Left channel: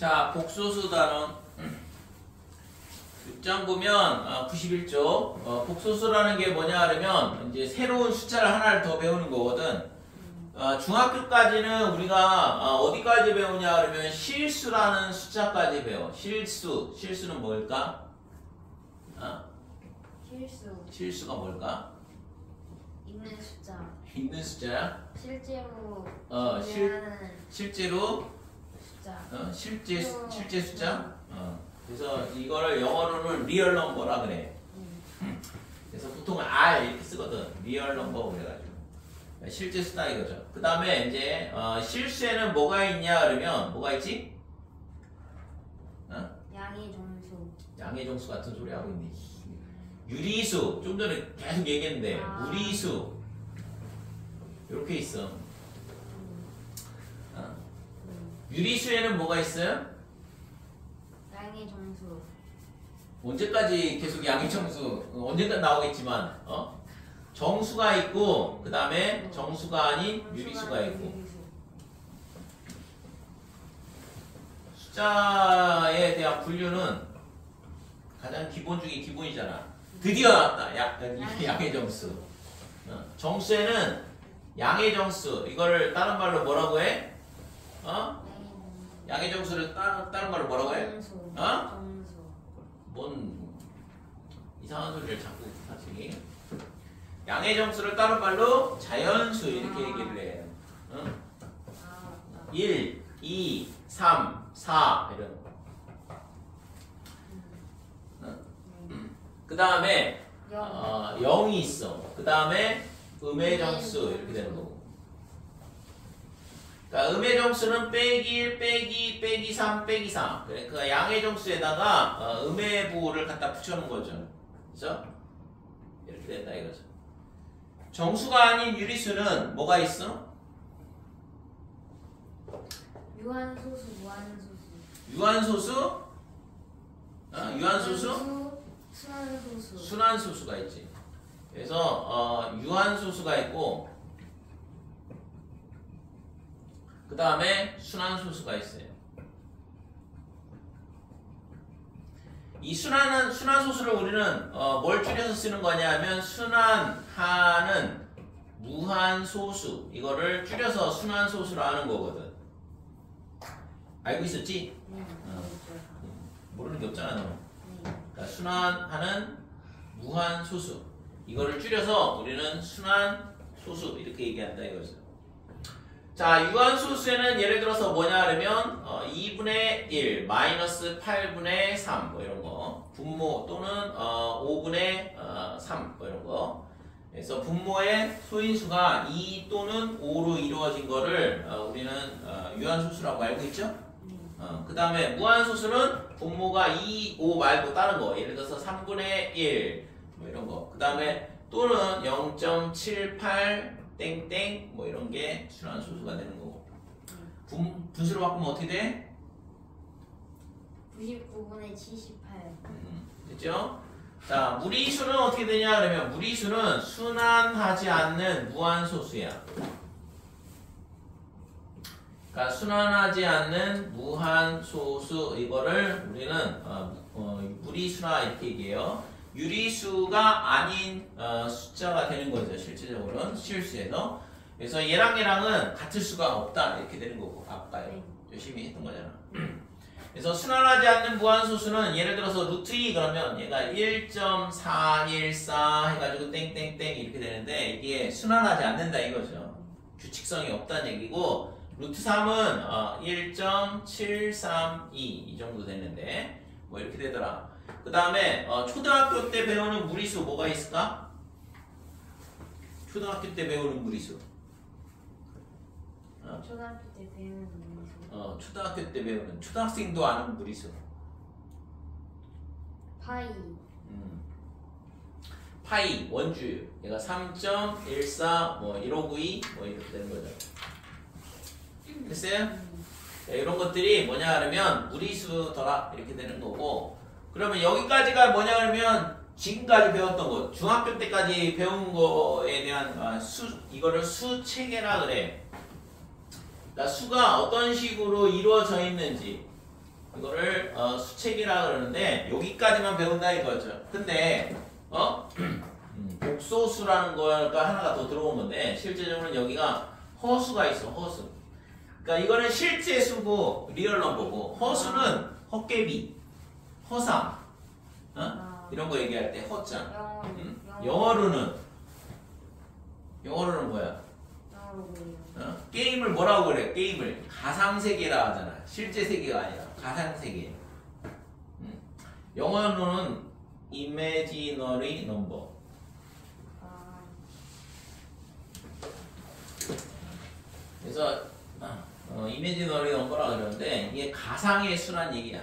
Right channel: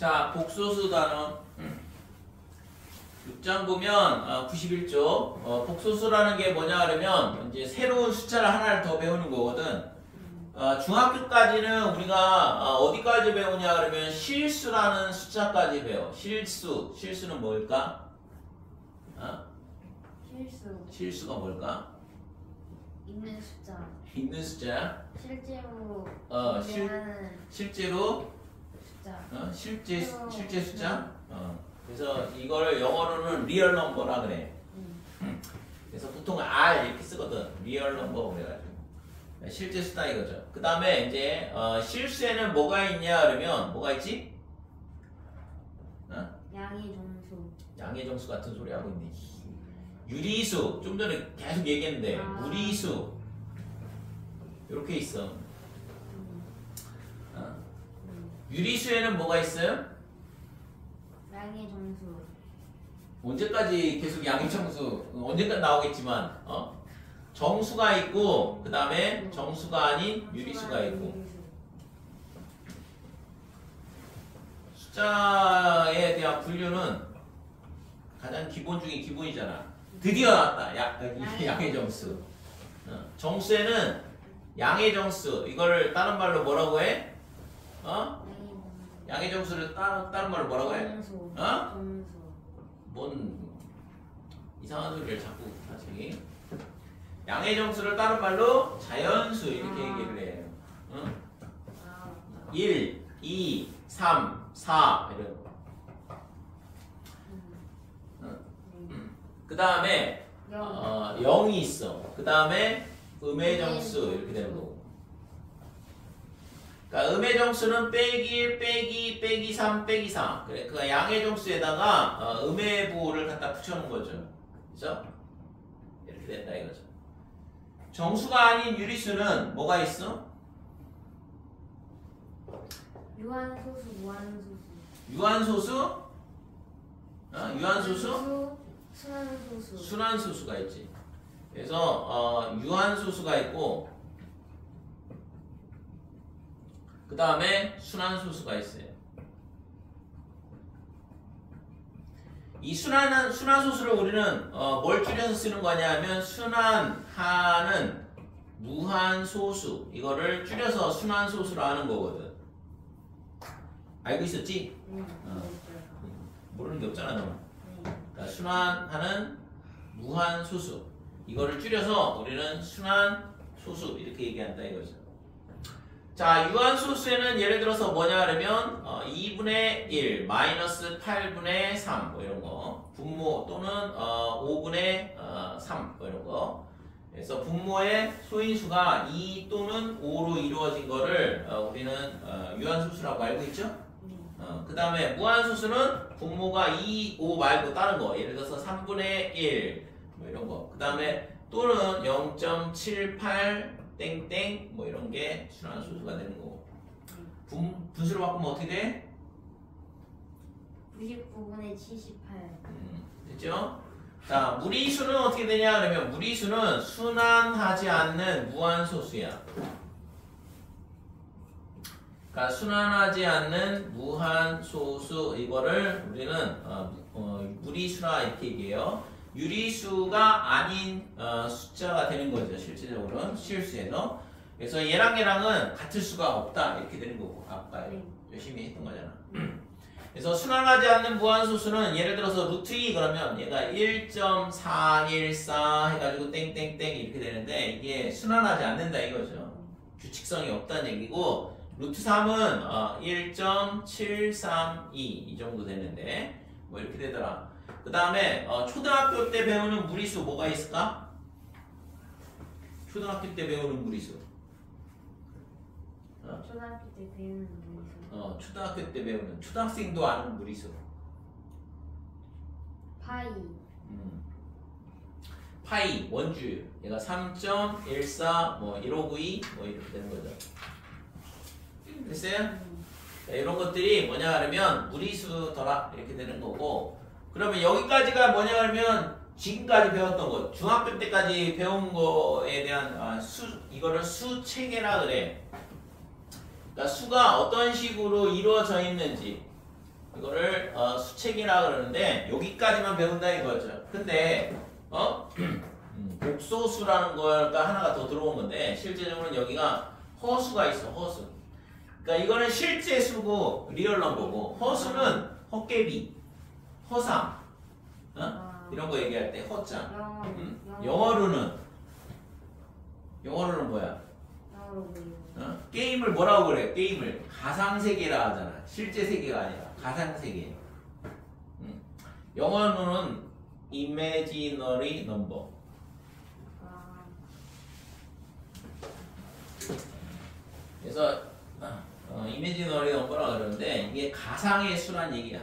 자, 복소수 단원 6장 보면 91쪽 복소수라는 게 뭐냐 하면 이제 새로운 숫자를 하나를 더 배우는 거거든. 중학교까지는 우리가 어디까지 배우냐 그러면 실수라는 숫자까지 배워. 실수는 뭘까? 실수가 뭘까? 있는 숫자. 있는 숫자야? 실제로 실제로 숫자. 실제 숫자? 그래서 이거를 영어로는 리얼 넘버라 그래. 그래서 보통 R 이렇게 쓰거든. 리얼 넘버 그래가지고 실제 숫자 이거죠. 그 다음에 이제 실수에는 뭐가 있냐 그러면 뭐가 있지? 양의 정수 같은 소리 하고 있네. 유리수 좀 전에 계속 얘기했는데 무리수 이렇게 있어. 유리수에는 뭐가 있어요? 양의 정수. 언제까지 계속 양의 정수 언제까지 나오겠지만 정수가 있고 그 다음에 정수가 아닌 유리수가 있고 숫자에 대한 분류는 가장 기본 중에 기본이잖아. 드디어 나왔다. 양의 정수. 정수에는 양의 정수 이거를 다른 말로 뭐라고 해? 양의 정수를 다른 말로 뭐라고 해? 정수. 뭔 이상한 소리를 자꾸 하지? 양의 정수를 다른 말로 자연수 이렇게 얘기를 해요. 1, 2, 3, 4 이런 거. 그 다음에 0이 있어. 그 다음에 음의 정수 이렇게 되는 거고. 그러니까 음의 정수는 빼기 1, 빼기 3, 빼기 4. 그러니까 양의 정수에다가 음의 부호를 갖다 붙여놓은 거죠. 그죠? 이렇게 된다 이거죠. 정수가 아닌 유리수는 뭐가 있어? 유한소수, 무한소수. 유한소수? 유한소수? 순환소수. 순환소수가 있지. 그래서 유한소수가 있고 그 다음에 순환소수가 있어요. 이 순환소수를 우리는 뭘 줄여서 쓰는 거냐 하면 순환하는 무한소수 이거를 줄여서 순환소수로 하는 거거든. 알고 있었지? 모르는 게 없잖아 너. 그러니까 순환하는 무한소수 이거를 줄여서 우리는 순환소수 이렇게 얘기한다 이거죠. 자, 유한소수에는 예를 들어서 뭐냐 하면 2분의 1, 마이너스 8분의 3 뭐 이런 거 분모 또는 5분의 3 뭐 이런 거. 그래서 분모의 소인수가 2 또는 5로 이루어진 거를 우리는 유한소수라고 알고 있죠? 그 다음에 무한소수는 분모가 2, 5 말고 다른 거 예를 들어서 3분의 1 뭐 이런 거. 그 다음에 또는 0.78 땡땡 뭐 이런 게 순환소수가 되는 거고. 분수로 바꾸면 어떻게 돼? 99분의 78. 됐죠? 자, 무리수는 어떻게 되냐 그러면 무리수는 순환하지 않는 무한소수야. 그러니까 순환하지 않는 무한소수 이거를 우리는 무리수라 이렇게 얘기해요. 유리수가 아닌 숫자가 되는 거죠. 실제적으로는 실수에서. 그래서 얘랑은 같을 수가 없다 이렇게 되는 거고 아까 열심히 했던 거잖아. 그래서 순환하지 않는 무한소수는 예를 들어서 루트 2 그러면 얘가 1.414 해가지고 땡땡땡 이렇게 되는데 이게 순환하지 않는다 이거죠. 규칙성이 없다는 얘기고 루트 3은 1.732 이 정도 되는데 뭐 이렇게 되더라. 그 다음에 초등학교 때 배우는 무리수 뭐가 있을까? 초등학교 때 배우는 무리수. 초등학교 때 배우는 무리수. 초등학교 때 배우는 초등학생도 아는 무리수. 파이 원주 얘가 3.14 뭐 1592 뭐 이렇게 되는 거죠. 됐어요? 이런 것들이 뭐냐 하면 무리수더라 이렇게 되는 거고. 그러면 여기까지가 뭐냐 하면 지금까지 배웠던 것 중학교 때까지 배운 거에 대한 이거를 수체계라 그래. 그러니까 수가 어떤 식으로 이루어져 있는지 이거를 수책이라 그러는데 여기까지만 배운다 이거죠. 근데 복소수라는 거가 하나가 더 들어온 건데 실제적으로는 여기가 허수가 있어. 허수. 그러니까 이거는 실제 수고 리얼 넘버고 허수는 헛개비, 허상, 이런 거 얘기할 때 허장. 영어로는 뭐야? 게임을 뭐라고 그래? 게임을 가상세계라 하잖아. 실제 세계가 아니라 가상세계. 영어로는 imaginary number. 그래서 imaginary number라 그러는데 이게 가상의 수란 얘기야.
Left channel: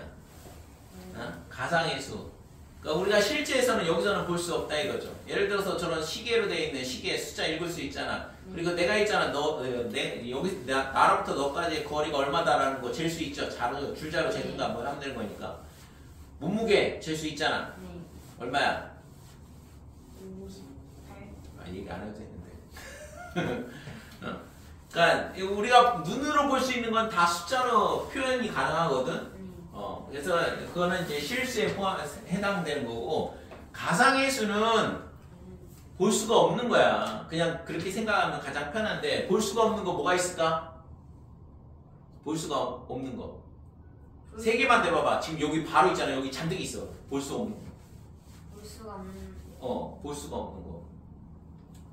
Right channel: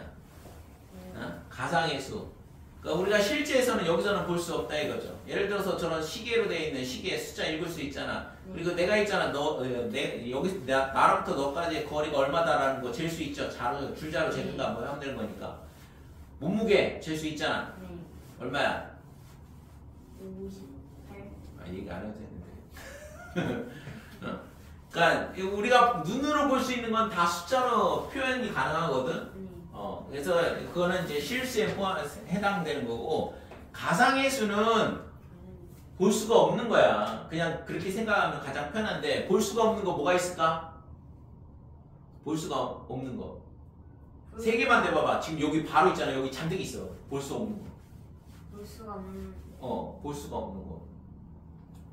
가상의 수. 그러니까 우리가 실제에서는 여기서는 볼 수 없다 이거죠. 예를 들어서 저런 시계로 되어 있는 시계 숫자 읽을 수 있잖아. 그리고 내가 있잖아. 여기 나로부터 너까지의 거리가 얼마다라는 거 잴 수 있죠. 줄자로 재는가 뭐 하면 되는 거니까. 몸무게 잴 수 있잖아. 네. 얼마야? 58. 얘기 안 해도 되는데. 그러니까 우리가 눈으로 볼 수 있는 건 다 숫자로 표현이 가능하거든. 그래서 그거는 이제 실수에 해당되는 거고 가상의 수는 볼 수가 없는 거야. 그냥 그렇게 생각하면 가장 편한데 볼 수가 없는 거 뭐가 있을까? 볼 수가 없는 거. 세 개만 대봐봐. 지금 여기 바로 있잖아. 여기 잔뜩 있어. 볼 수 없는 거. 볼 수가 없는. 볼 수가 없는 거.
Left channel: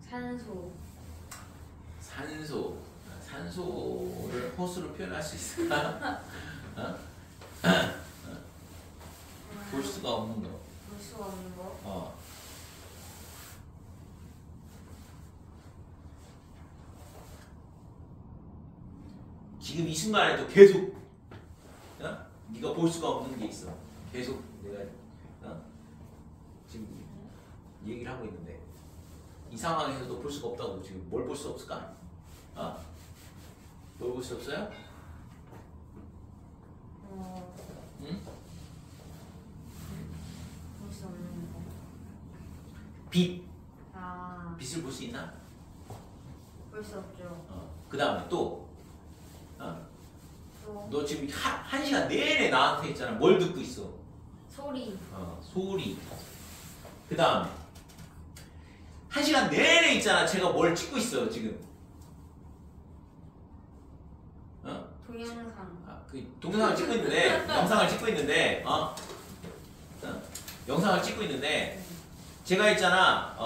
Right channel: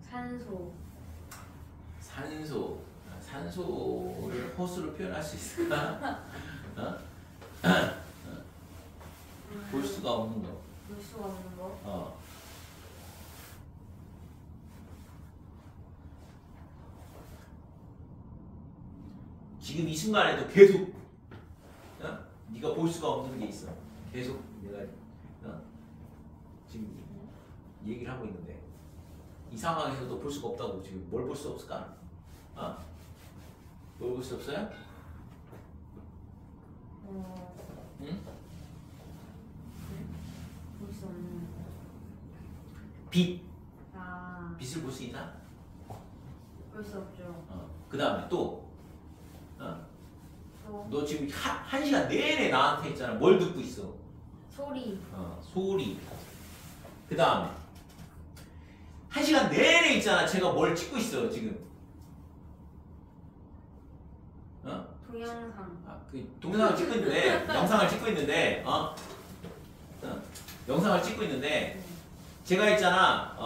산소. 산소를 허수로 표현할 수 있을까? 볼 수가 없는 거. 볼 수가 없는 거. 지금 이 순간에도 계속 네가 볼 수가 없는 게 있어. 계속 내가 지금 얘기를 하고 있는데 이 상황에서도 볼 수가 없다고. 지금 뭘 볼 수 없을까? 뭘 볼 수 없어요? 응? 볼 수 없는 거. 빛. 빛을 볼 수 있나? 볼 수 없죠. 그 다음에 또 너 지금 한 시간 내내 나한테 있잖아. 뭘 듣고 있어? 소리. 소리. 그 다음에 한 시간 내내 있잖아. 제가 뭘 찍고 있어 지금. 동영상. 그 동영상을 찍고 있는데 영상을 찍고 있는데 영상을 찍고 있는데 제가 있잖아.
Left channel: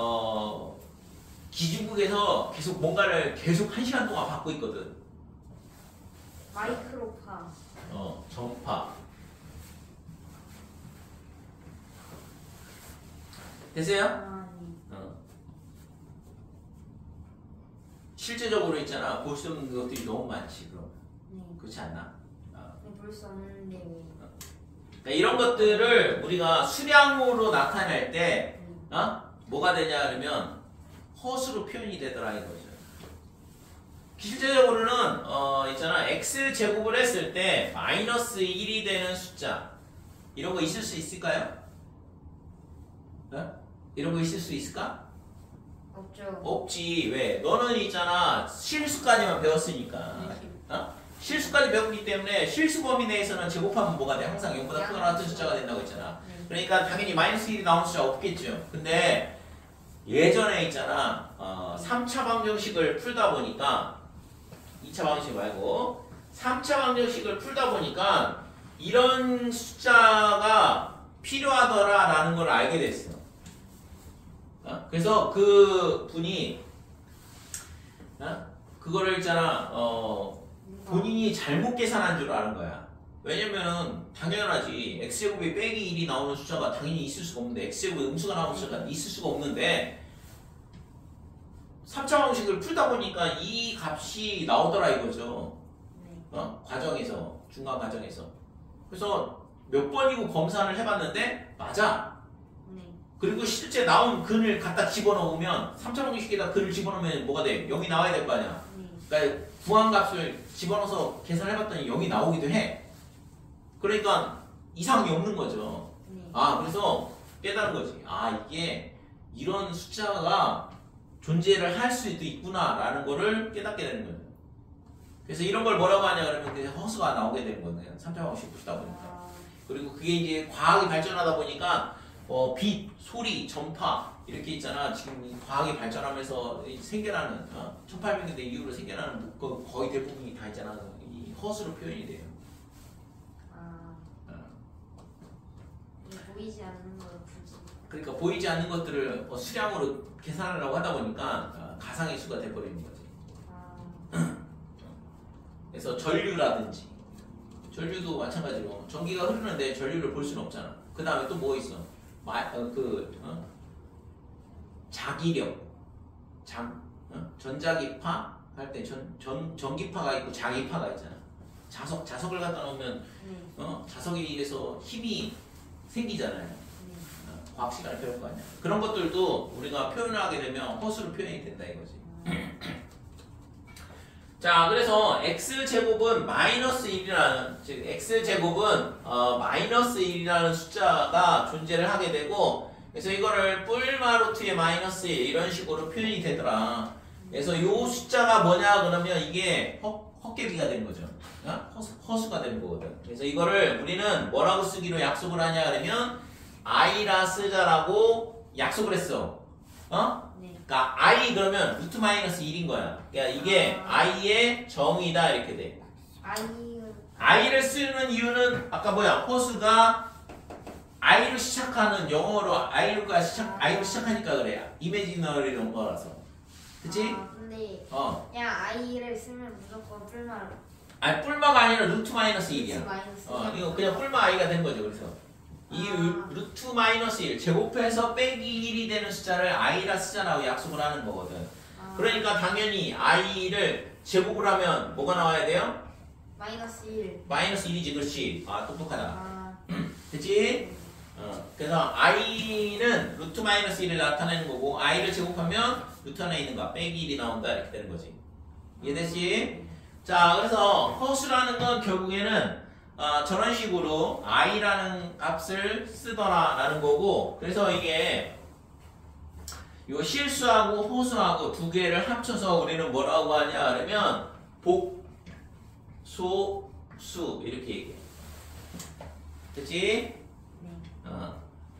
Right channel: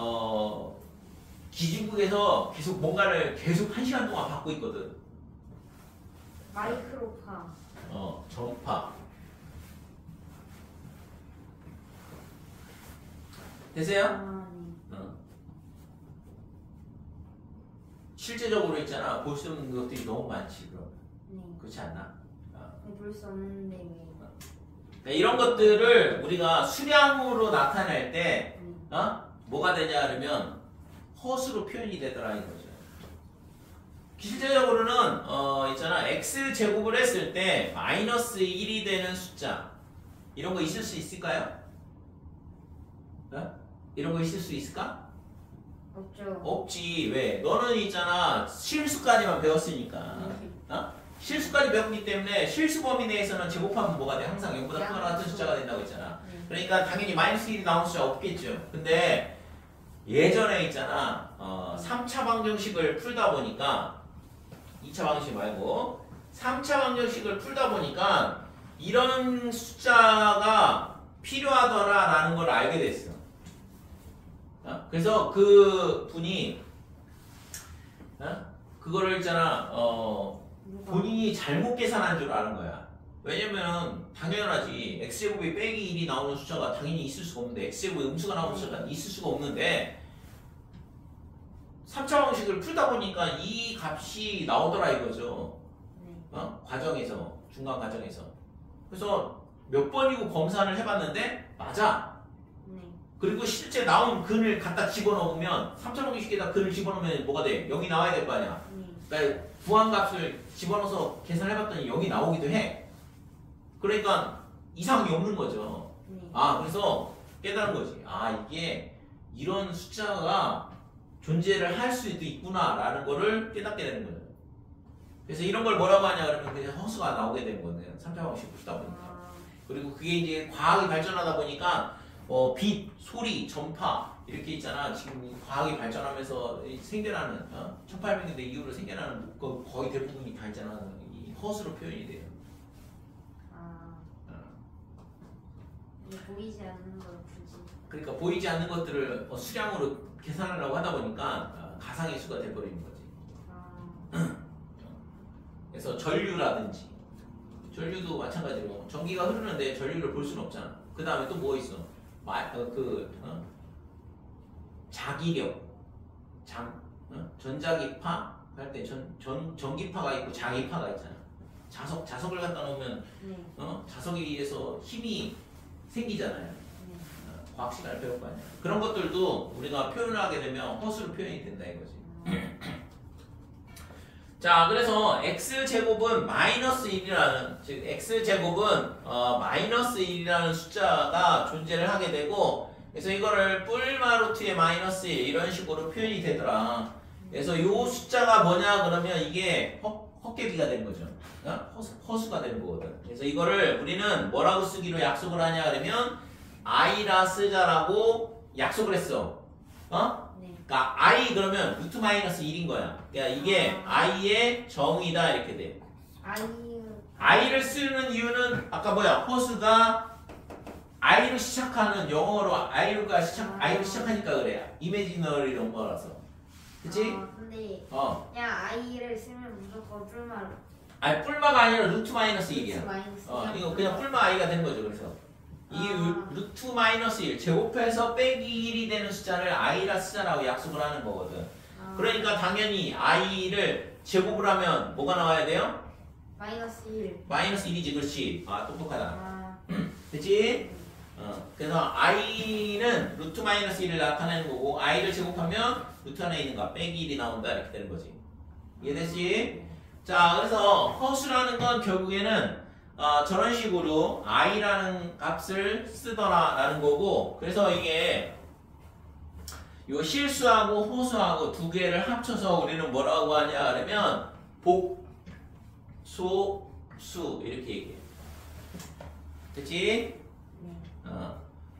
기중국에서 계속 뭔가를 계속 한 시간 동안 받고 있거든. 마이크로파. 전파. 되세요? 네. 실제적으로 있잖아. 볼 수 없는 것들이 너무 많지. 그럼 네. 그렇지 않나? 볼 수 없는데 왜? 그러니까 이런 것들을 우리가 수량으로 나타낼 때 뭐가 되냐 그러면 허수로 표현이 되더라 이거죠. 실제적으로는 있잖아. x제곱을 했을 때 마이너스 1이 되는 숫자 이런 거 있을 수 있을까요? 이런 거 있을 수 있을까? 없죠. 없지. 왜? 너는 있잖아. 실수까지만 배웠으니까. 실수까지 배웠기 때문에 실수 범위 내에서는 제곱하면 뭐가 돼? 항상 0보다 크거나 같은 숫자가 된다고 했잖아. 그러니까 당연히 마이너스 1이 나오는 숫자 없겠죠. 근데 예전에 있잖아. 3차 방정식을 풀다 보니까 2차 방정식 말고 3차 방정식을 풀다 보니까 이런 숫자가 필요하더라라는 걸 알게 됐어. 그래서 그 분이 그거를 있잖아. 본인이 잘못 계산한 줄 아는 거야. 왜냐면 당연하지. x제곱이 빼기 1이 나오는 숫자가 당연히 있을 수가 없는데 x제곱에 음수가 나오는 숫자가 있을 수가 없는데 3차 방식을 풀다 보니까 이 값이 나오더라 이거죠. 과정에서 중간 과정에서. 그래서 몇 번이고 검사를 해봤는데 맞아. 그리고 실제 나온 근을 갖다 집어넣으면 3차 방식에다 근을 집어넣으면 뭐가 돼? 0이 나와야 될 거 아니야. 그러니까 구한값을 집어넣어서 계산해봤더니 0이 나오기도 해. 그러니까 이상이 없는 거죠. 그래서 깨달은 거지. 이게 이런 숫자가 존재를 할 수도 있구나라는 거를 깨닫게 되는 거죠. 그래서 이런 걸 뭐라고 하냐 그러면 허수가 나오게 되는 거네요. 3차 방식 풀다 보니까. 그리고 그게 이제 과학이 발전하다 보니까 빛, 소리, 전파 이렇게 있잖아. 지금 이 과학이 발전하면서 생겨나는 1800년대 이후로 생겨나는 거의 대부분이 다 있잖아. 이 허스로 표현이 돼요. 보이지 않는 걸 굳이. 그러니까 보이지 않는 것들을 수량으로 계산하려고 하다 보니까 가상의 수가 돼버리는 거지. 그래서 전류라든지 전류도 마찬가지로 전기가 흐르는데 전류를 볼 수는 없잖아. 그 다음에 또 뭐 있어? 자기력, 전자기파 할 때 전기파가 있고 자기파가 있잖아. 자석을 갖다 놓으면 자석에 의해서 힘이 생기잖아요. 과학 시간을 배울 거 아니야. 그런 것들도 우리가 표현을 하게 되면 허수로 표현이 된다 이거지. 자, 그래서 x제곱은 마이너스 1이라는, 즉 x제곱은 마이너스 1이라는 숫자가 존재를 하게 되고, 그래서 이거를 뿔마루트의 마이너스 1 이런 식으로 표현이 되더라. 그래서 이 숫자가 뭐냐 그러면 이게 헛개비가 되는 거죠. 허수가 되는 거거든. 그래서 이거를 우리는 뭐라고 쓰기로 약속을 하냐 그러면 i라 쓰자라고 약속을 했어. 그러니까 i 그러면 루트 마이너스 1인 거야. 그러니까 이게 i의 정의다 이렇게 돼. i를 쓰는 이유는 아까 뭐야? 허수가 i로 시작하는 영어로 i로 시작하니까 그래. 이미지너리 이런 거라서. 그치? 근데 그냥 i를 쓰면 무조건 뿔마로. 아니 뿔마가 아니라 루트 마이너스 1이야. 이거 그냥 뿔마 i가 된 거죠. 그래서 이 루트 마이너스 1 제곱해서 빼기 1이 되는 숫자를 i라 쓰자라고 약속을 하는 거거든. 그러니까 당연히 i를 제곱을 하면 뭐가 나와야 돼요? 마이너스 1. 마이너스 1이지. 그렇지. 똑똑하다. 그치? 그래서 i는 루트 마이너스 1을 나타내는 거고 i를 제곱하면 루트 안에 있는 거 빼기 1이 나온다 이렇게 되는 거지. 이해됐지? 자, 그래서 허수라는 건 결국에는 저런 식으로 i라는 값을 쓰더라라는 거고, 그래서 이게 요 실수하고 호수하고 두 개를 합쳐서 우리는 뭐라고 하냐 그러면 복소수 이렇게 얘기해. 됐지?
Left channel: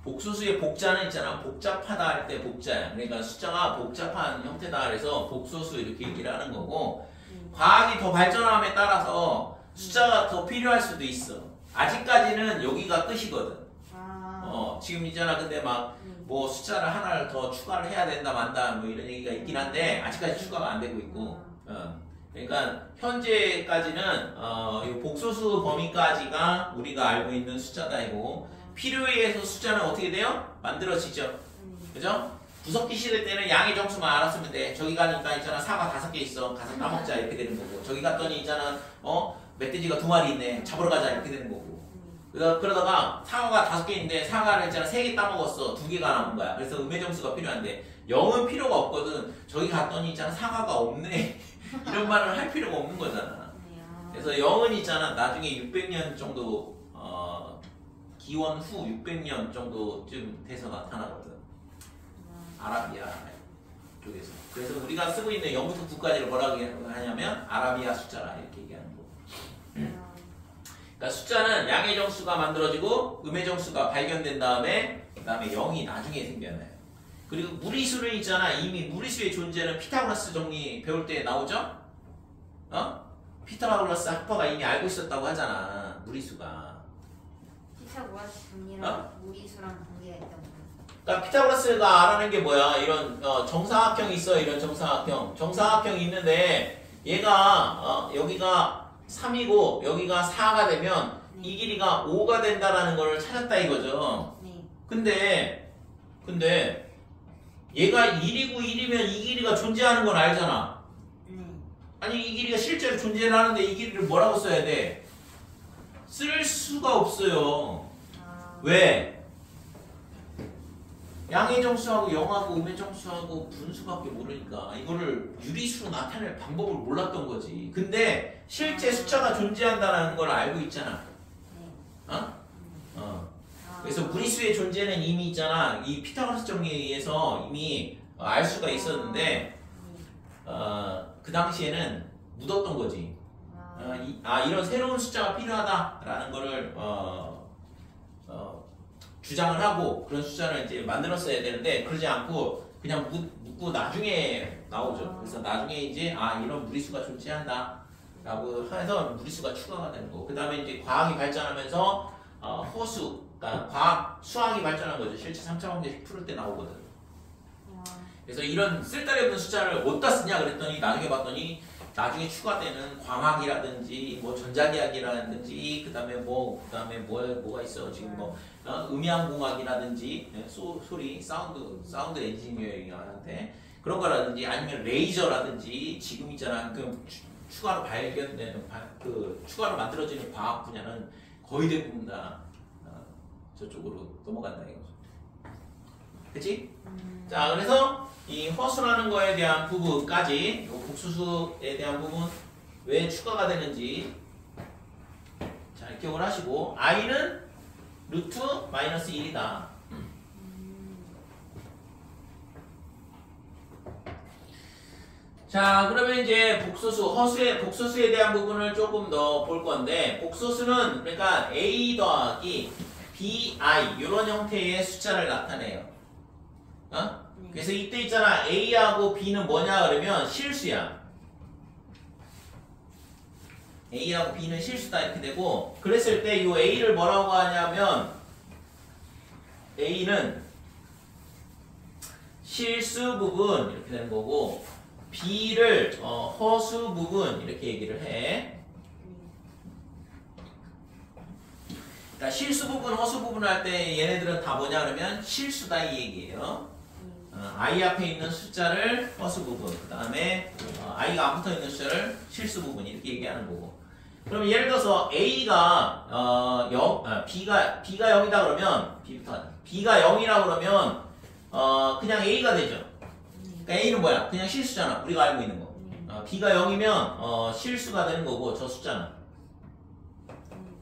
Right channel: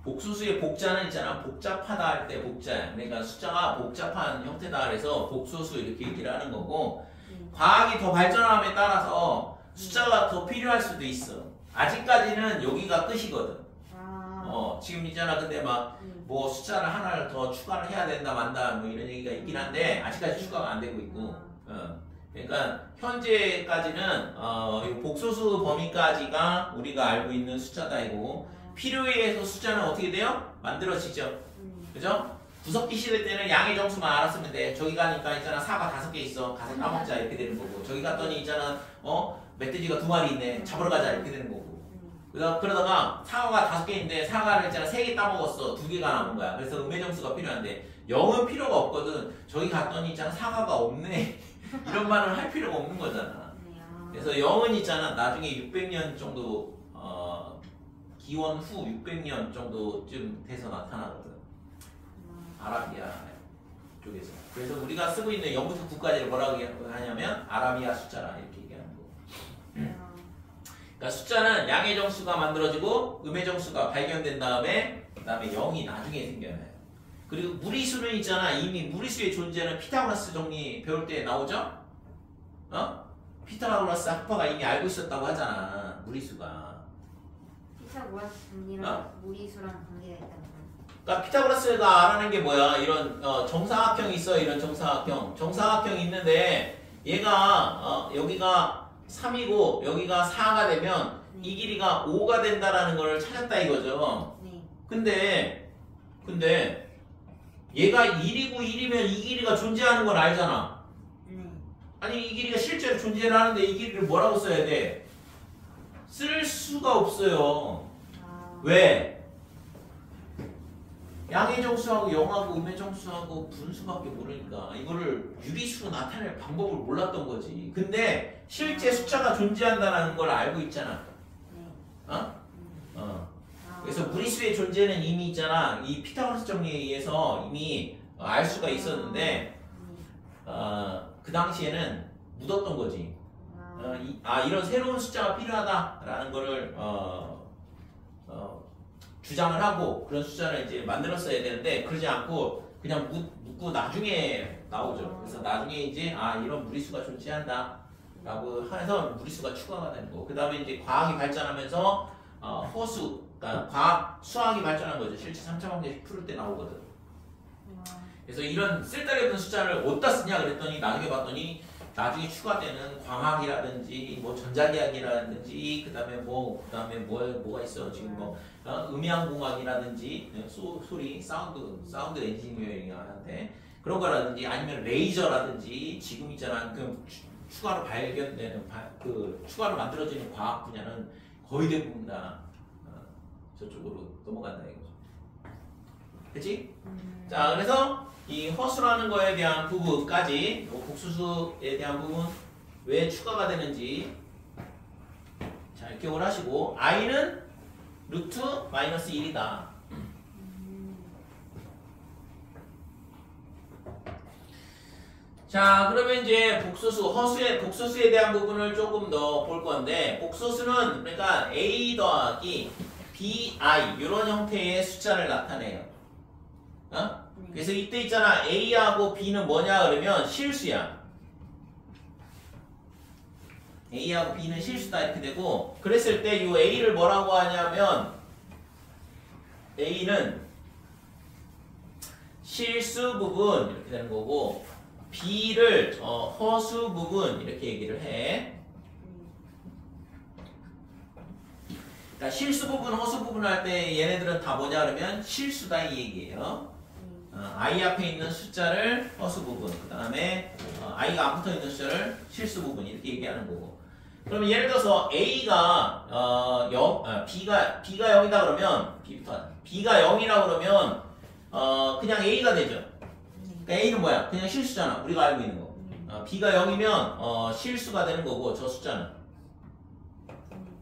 복소수의 복자는 있잖아. 복잡하다 할 때 복자야. 그러니까 숫자가 복잡한 형태다 그래서 복소수 이렇게 얘기를 하는 거고, 과학이 더 발전함에 따라서 숫자가 더 필요할 수도 있어. 아직까지는 여기가 끝이거든. 지금 있잖아. 근데 막 뭐 숫자를 하나를 더 추가를 해야 된다 만다 뭐 이런 얘기가 있긴 한데 아직까지 추가가 안 되고 있고. 그러니까 현재까지는 이 복소수 범위까지가 우리가 알고 있는 숫자다 이고, 필요에 의해서 숫자는 어떻게 돼요? 만들어지죠. 그죠? 구석기 싫을 때는 양의 정수만 알았으면 돼. 저기 가니까 있잖아. 사과 5개 있어. 가서 따먹자 이렇게 되는 거고, 저기 갔더니 있잖아. 멧돼지가 2마리 있네. 잡으러 가자 이렇게 되는 거고. 그러다가 사과가 5개 있는데 사과를 있잖아 3개 따먹었어. 2개가 남은 거야. 그래서 음해정수가 필요한데 0은 필요가 없거든. 저기 갔더니 있잖아 사과가 없네. 이런 말을 할 필요가 없는 거잖아. 그래서 0은 있잖아 나중에 600년 정도 기원 후 600년 정도쯤 돼서 나타나거든. 아라비아 쪽에서. 그래서 우리가 쓰고 있는 0부터 9까지를 뭐라고 하냐면 아라비아 숫자라 이렇게 얘기하는 거. 그러니까 숫자는 양의 정수가 만들어지고 음의 정수가 발견된 다음에 그 다음에 0이 나중에 생겨나요. 그리고 무리수는 있잖아. 이미 무리수의 존재는 피타고라스 정리 배울 때 나오죠? 피타고라스 학파가 이미 알고 있었다고 하잖아. 무리수가. 피타고라스 정리랑 무리수랑 관계가 있다고. 그러니까 피타고라스가 알아낸 게 뭐야? 이런 정사각형이 있어. 이런 정사각형. 정사각형이 있는데 얘가 얘가 3이고 여기가 4가 되면 이 길이가 5가 된다라는 걸 찾았다 이거죠. 근데 얘가 1이고 1이면 이 길이가 존재하는 걸 알잖아. 아니 이 길이가 실제로 존재를 하는데 이 길이를 뭐라고 써야 돼? 쓸 수가 없어요. 왜? 양의 정수하고 0하고 음의 정수하고 분수밖에 모르니까 이거를 유리수로 나타낼 방법을 몰랐던 거지. 근데 실제 숫자가 존재한다는 걸 알고 있잖아. 그래서 무리수의 존재는 이미 있잖아. 이 피타고라스 정리에 의해서 이미 알 수가 있었는데 그 당시에는 묻었던 거지. 이런 새로운 숫자가 필요하다라는 거를 주장을 하고 그런 숫자를 이제 만들었어야 되는데 그러지 않고 그냥 묻고 나중에 나오죠. 그래서 나중에 이제 이런 무리수가 존재한다 라고 해서 무리수가 추가가 되는 거고 그 다음에 이제 과학이 발전하면서 허수 그러니까 과학 수학이 발전한 거죠. 실제 3차 방정식 풀 때 나오거든. 그래서 이런 쓸데기 없는 숫자를 어디다 쓰냐 그랬더니 나중에 봤더니 나중에 추가되는 광학이라든지 뭐 전자기학이라든지 그다음에 뭐가 있어 지금 뭐 음향공학이라든지 소리 사운드 엔지니어링한테 그런 거라든지 아니면 레이저라든지 지금 있잖아 그 추가로 발견되는 그 추가로 만들어지는 과학 분야는 거의 대부분 다 저쪽으로 넘어간다 이거죠. 그치? 자 그래서 이 허수라는 거에 대한 부분까지 복수수에 대한 부분 왜 추가가 되는지 잘 기억을 하시고 i는 루트 마이너스 1이다. 자 그러면 이제 복소수에 대한 부분을 조금 더 볼 건데 복소수는 그러니까 a 더하기 bi 이런 형태의 숫자를 나타내요. 그래서 이때 있잖아 a하고 b는 뭐냐 그러면 실수야. a하고 b는 실수다 이렇게 되고 그랬을 때 이 a를 뭐라고 하냐면 a는 실수 부분 이렇게 되는 거고 b를 허수 부분 이렇게 얘기를 해. 그러니까 실수 부분, 허수 부분 할 때 얘네들은 다 뭐냐 그러면 실수다 이 얘기예요. i 앞에 있는 숫자를 허수 부분, 그 다음에 i가 안 붙어 있는 숫자를 실수 부분 이렇게 얘기하는 거고. 그러면 예를 들어서 a가 b가 0이다 그러면 b가 0이라 그러면 그냥 a가 되죠. 그러니까 a는 뭐야? 그냥 실수잖아. 우리가 알고 있는 거. b가 0이면 실수가 되는 거고 저 숫자는.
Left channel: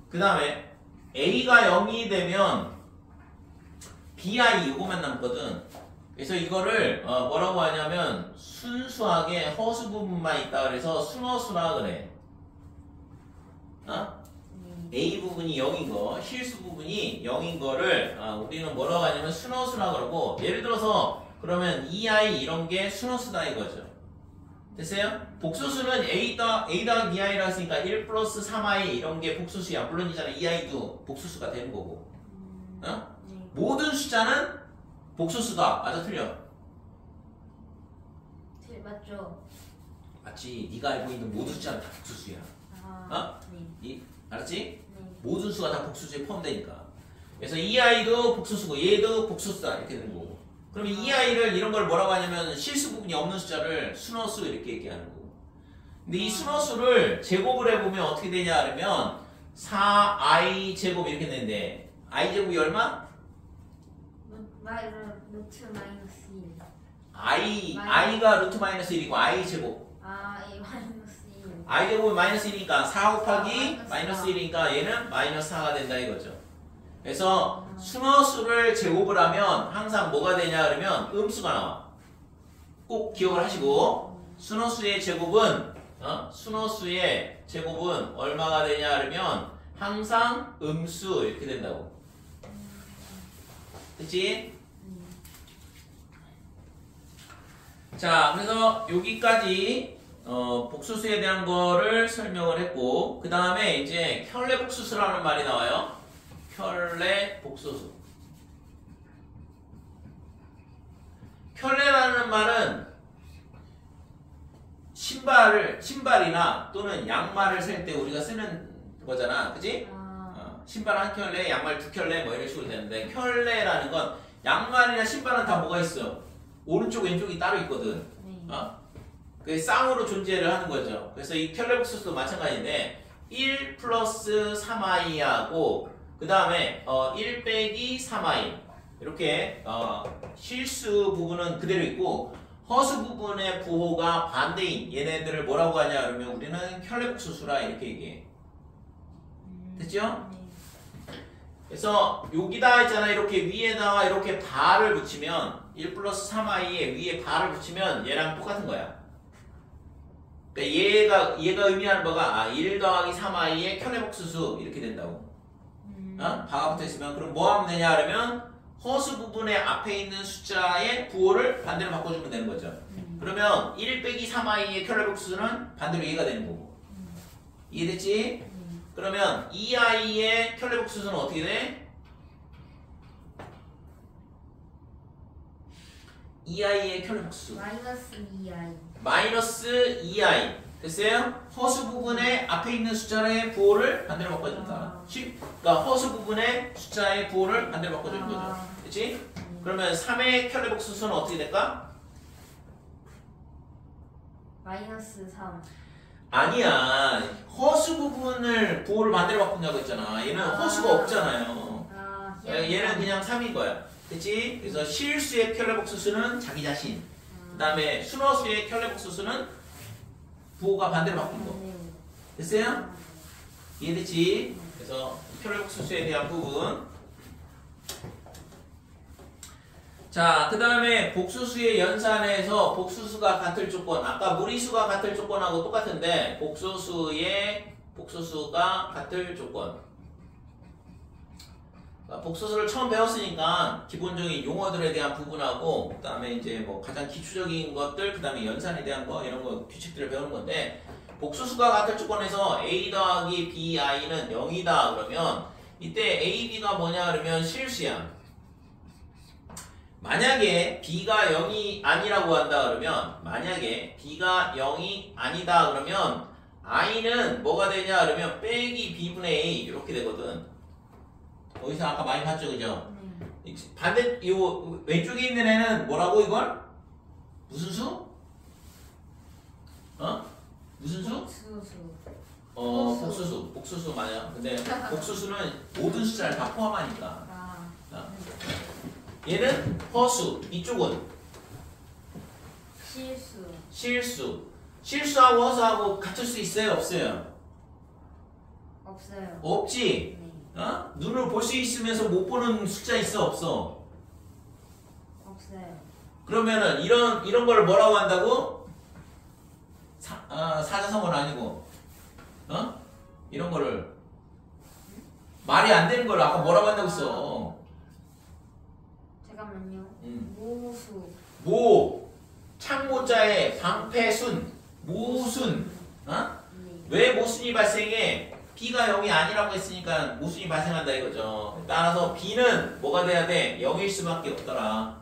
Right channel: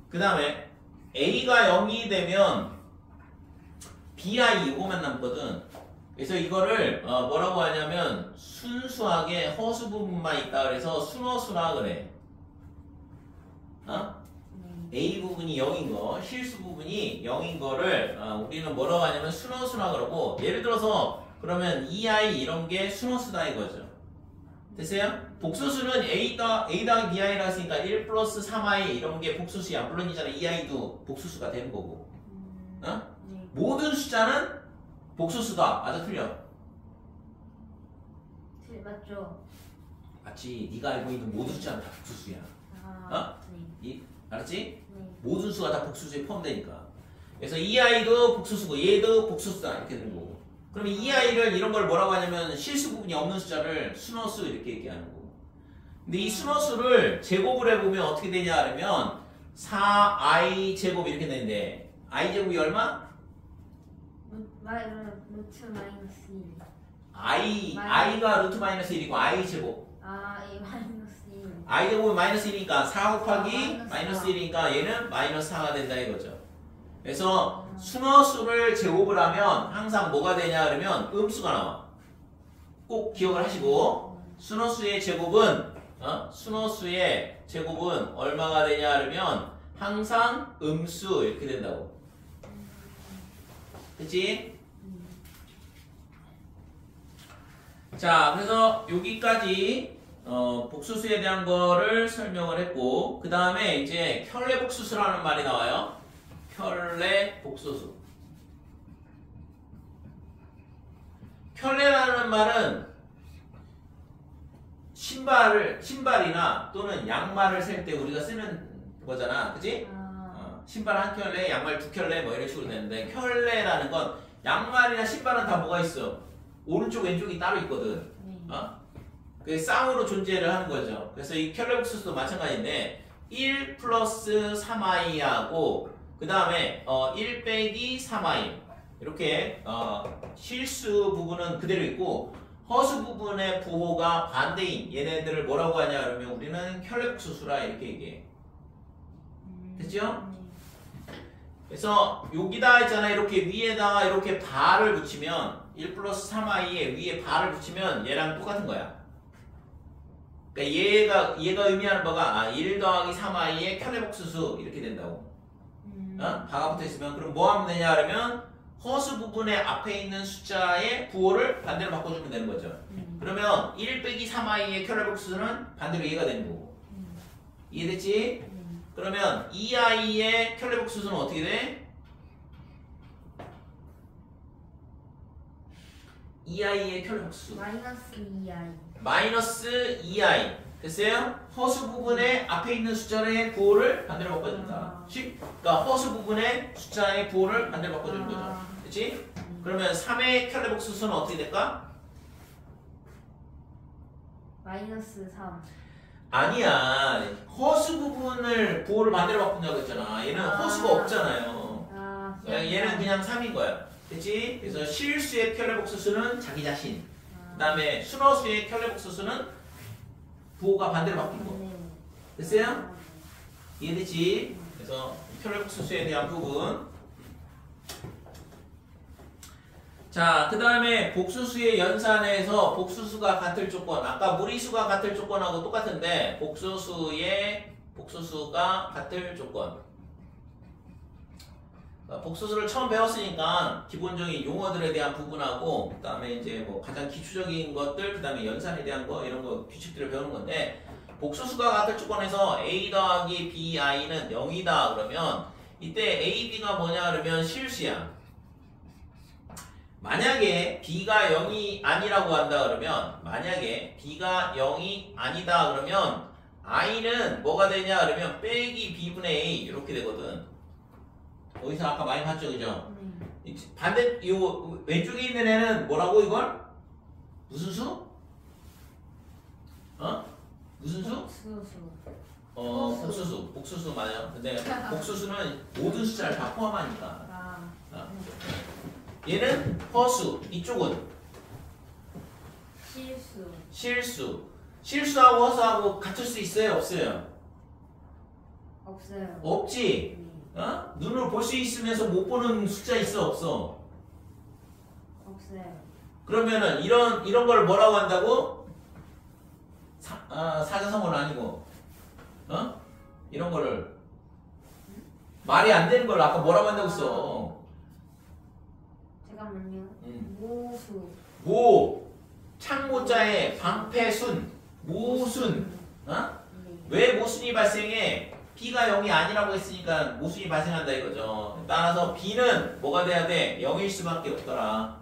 그 다음에 a가 0이 되면 bi 이거만 남거든. 그래서 이거를 뭐라고 하냐면 순수하게 허수 부분만 있다 그래서 순허수라 그래. A 부분이 0인 거, 실수 부분이 0인 거를 우리는 뭐라고 하냐면 순허수라 그러고 예를 들어서 그러면 2i 이런 게 순허수다 이거죠. 됐어요? 복수수는 a 더하기 bi라 했으니까 1 플러스 3i 이런 게 복수수야. 물론이잖아 2i도 복수수가 되는 거고. 모든 숫자는 복수수다. 맞아 틀려? 맞죠. 맞지. 네가 알고 있는 모든 숫자는 다 복수수야. 네. 알았지? 네. 모든 수가 다 복수수에 포함되니까. 그래서 2i도 복수수고 얘도 복수수다 이렇게 되는 거고. 그러면 2i를 이런 걸 뭐라고 하냐면 실수 부분이 없는 숫자를 순허수 이렇게 얘기하는 거고. 근데 이 순허수를 제곱을 해보면 어떻게 되냐 하면 4i 제곱 이렇게 되는데 i 제곱이 얼마? 루트 마이너스 1. i가 루트 마이너스 1이고 i 제곱. 이 마이너스 1. i 제곱이 마이너스 1이니까 4 곱하기 마이너스 마이너스 1이니까 얘는 마이너스 4가 된다 이거죠. 그래서 순허수를 제곱을 하면 항상 뭐가 되냐 그러면 음수가 나와. 꼭 기억을 하시고 순허수의 제곱은 얼마가 되냐 그러면 항상 음수 이렇게 된다고. 됐지? 자, 그래서 여기까지 복수수에 대한 거를 설명을 했고 그 다음에 이제 켤레복수수라는 말이 나와요. 켤레복수수. 켤레라는 말은 신발이나 또는 양말을 셀 때 우리가 쓰는 거잖아. 그치? 신발 한 켤레, 양말 두 켤레 뭐 이런 식으로 되는데 켤레라는 건 양말이나 신발은 다 뭐가 있어? 오른쪽 왼쪽이 따로 있거든. 그 쌍으로 존재를 하는 거죠. 그래서 이 켤레복수수도 마찬가지인데 1 플러스 3i하고 그 다음에 1 빼기 3i 이렇게 실수 부분은 그대로 있고 허수 부분의 부호가 반대인 얘네들을 뭐라고 하냐 그러면 우리는 켤레복수수라 이렇게 얘기해. 됐죠? 그래서 여기다 있잖아 이렇게 위에다가 이렇게 바를 붙이면 1 플러스 3i에 위에 바를 붙이면 얘랑 똑같은 거야. 그러니까 얘가 의미하는 바가 1 더하기 3i의 켤레복수수 이렇게 된다고. 바가 붙어 있으면 그럼 뭐 하면 되냐 그러면 허수 부분의 앞에 있는 숫자의 부호를 반대로 바꿔주면 되는 거죠. 그러면 1 빼기 3i의 켤레복수수는 반대로 얘가 되는 거고. 이해됐지? 그러면 2i의 켤레복수수는 어떻게 돼? 2i의 켤레복수수 마이너스 2i. 마이너스 2i 됐어요? 허수 부분의 앞에 있는 숫자의 부호를 반대로 바꿔준다. 그러니까 허수 부분의 숫자의 부호를 반대로 바꿔주는 거죠. 그렇지? 그러면 3의 켤레복수수는 어떻게 될까? 마이너스 3. 아니야. 허수 부분을 부호를 반대로 바꾼다고 했잖아. 얘는 허수가 없잖아요. 얘는 그냥 3인 거야. 그치? 그래서 실수의 켤레복수수는 자기 자신. 그 다음에 순허수의 켤레복수수는 부호가 반대로 바뀐 거. 됐어요? 이해됐지? 그래서 켤레복수수에 대한 부분. 자, 그 다음에 복수수의 연산에서 복수수가 같을 조건. 아까 무리수가 같을 조건하고 똑같은데 복수수가 같을 조건. 복수수를 처음 배웠으니까 기본적인 용어들에 대한 부분하고 그 다음에 이제 뭐 가장 기초적인 것들 그 다음에 연산에 대한 거 이런 거 규칙들을 배우는 건데 복수수가 같을 조건에서 a 더하기 bi는 0이다 그러면 이때 a, b가 뭐냐 그러면 실수야. 만약에 b가 0이 아니라고 한다 그러면 만약에 b가 0이 아니다 그러면 i는 뭐가 되냐 그러면 빼기 b분의 a 이렇게 되거든. 여기서 아까 많이 봤죠, 그죠? 반대, 요 왼쪽에 있는 애는 뭐라고 이걸? 무슨 수? 무슨 수? 복수수. 복수수 맞아요. 근데 복수수는 모든 숫자를 다 포함하니까. 얘는 허수. 이쪽은 실수. 실수하고 허수하고 같을 수 있어요, 없어요? 없어요. 없지. 눈으로 볼 수 있으면서 못 보는 숫자 있어 없어? 없어요. 그러면은 이런 걸 뭐라고 한다고? 사자성어는 아니고 이런 거를 말이 안 되는 걸 아까 뭐라고 한다고 했어? 잠깐만요. 모수. 창모자에 방패순 모순. 왜 모순이 발생해? b가 0이 아니라고 했으니까 모순이 발생한다 이거죠. 따라서 b는 뭐가 돼야 돼? 0일 수밖에 없더라.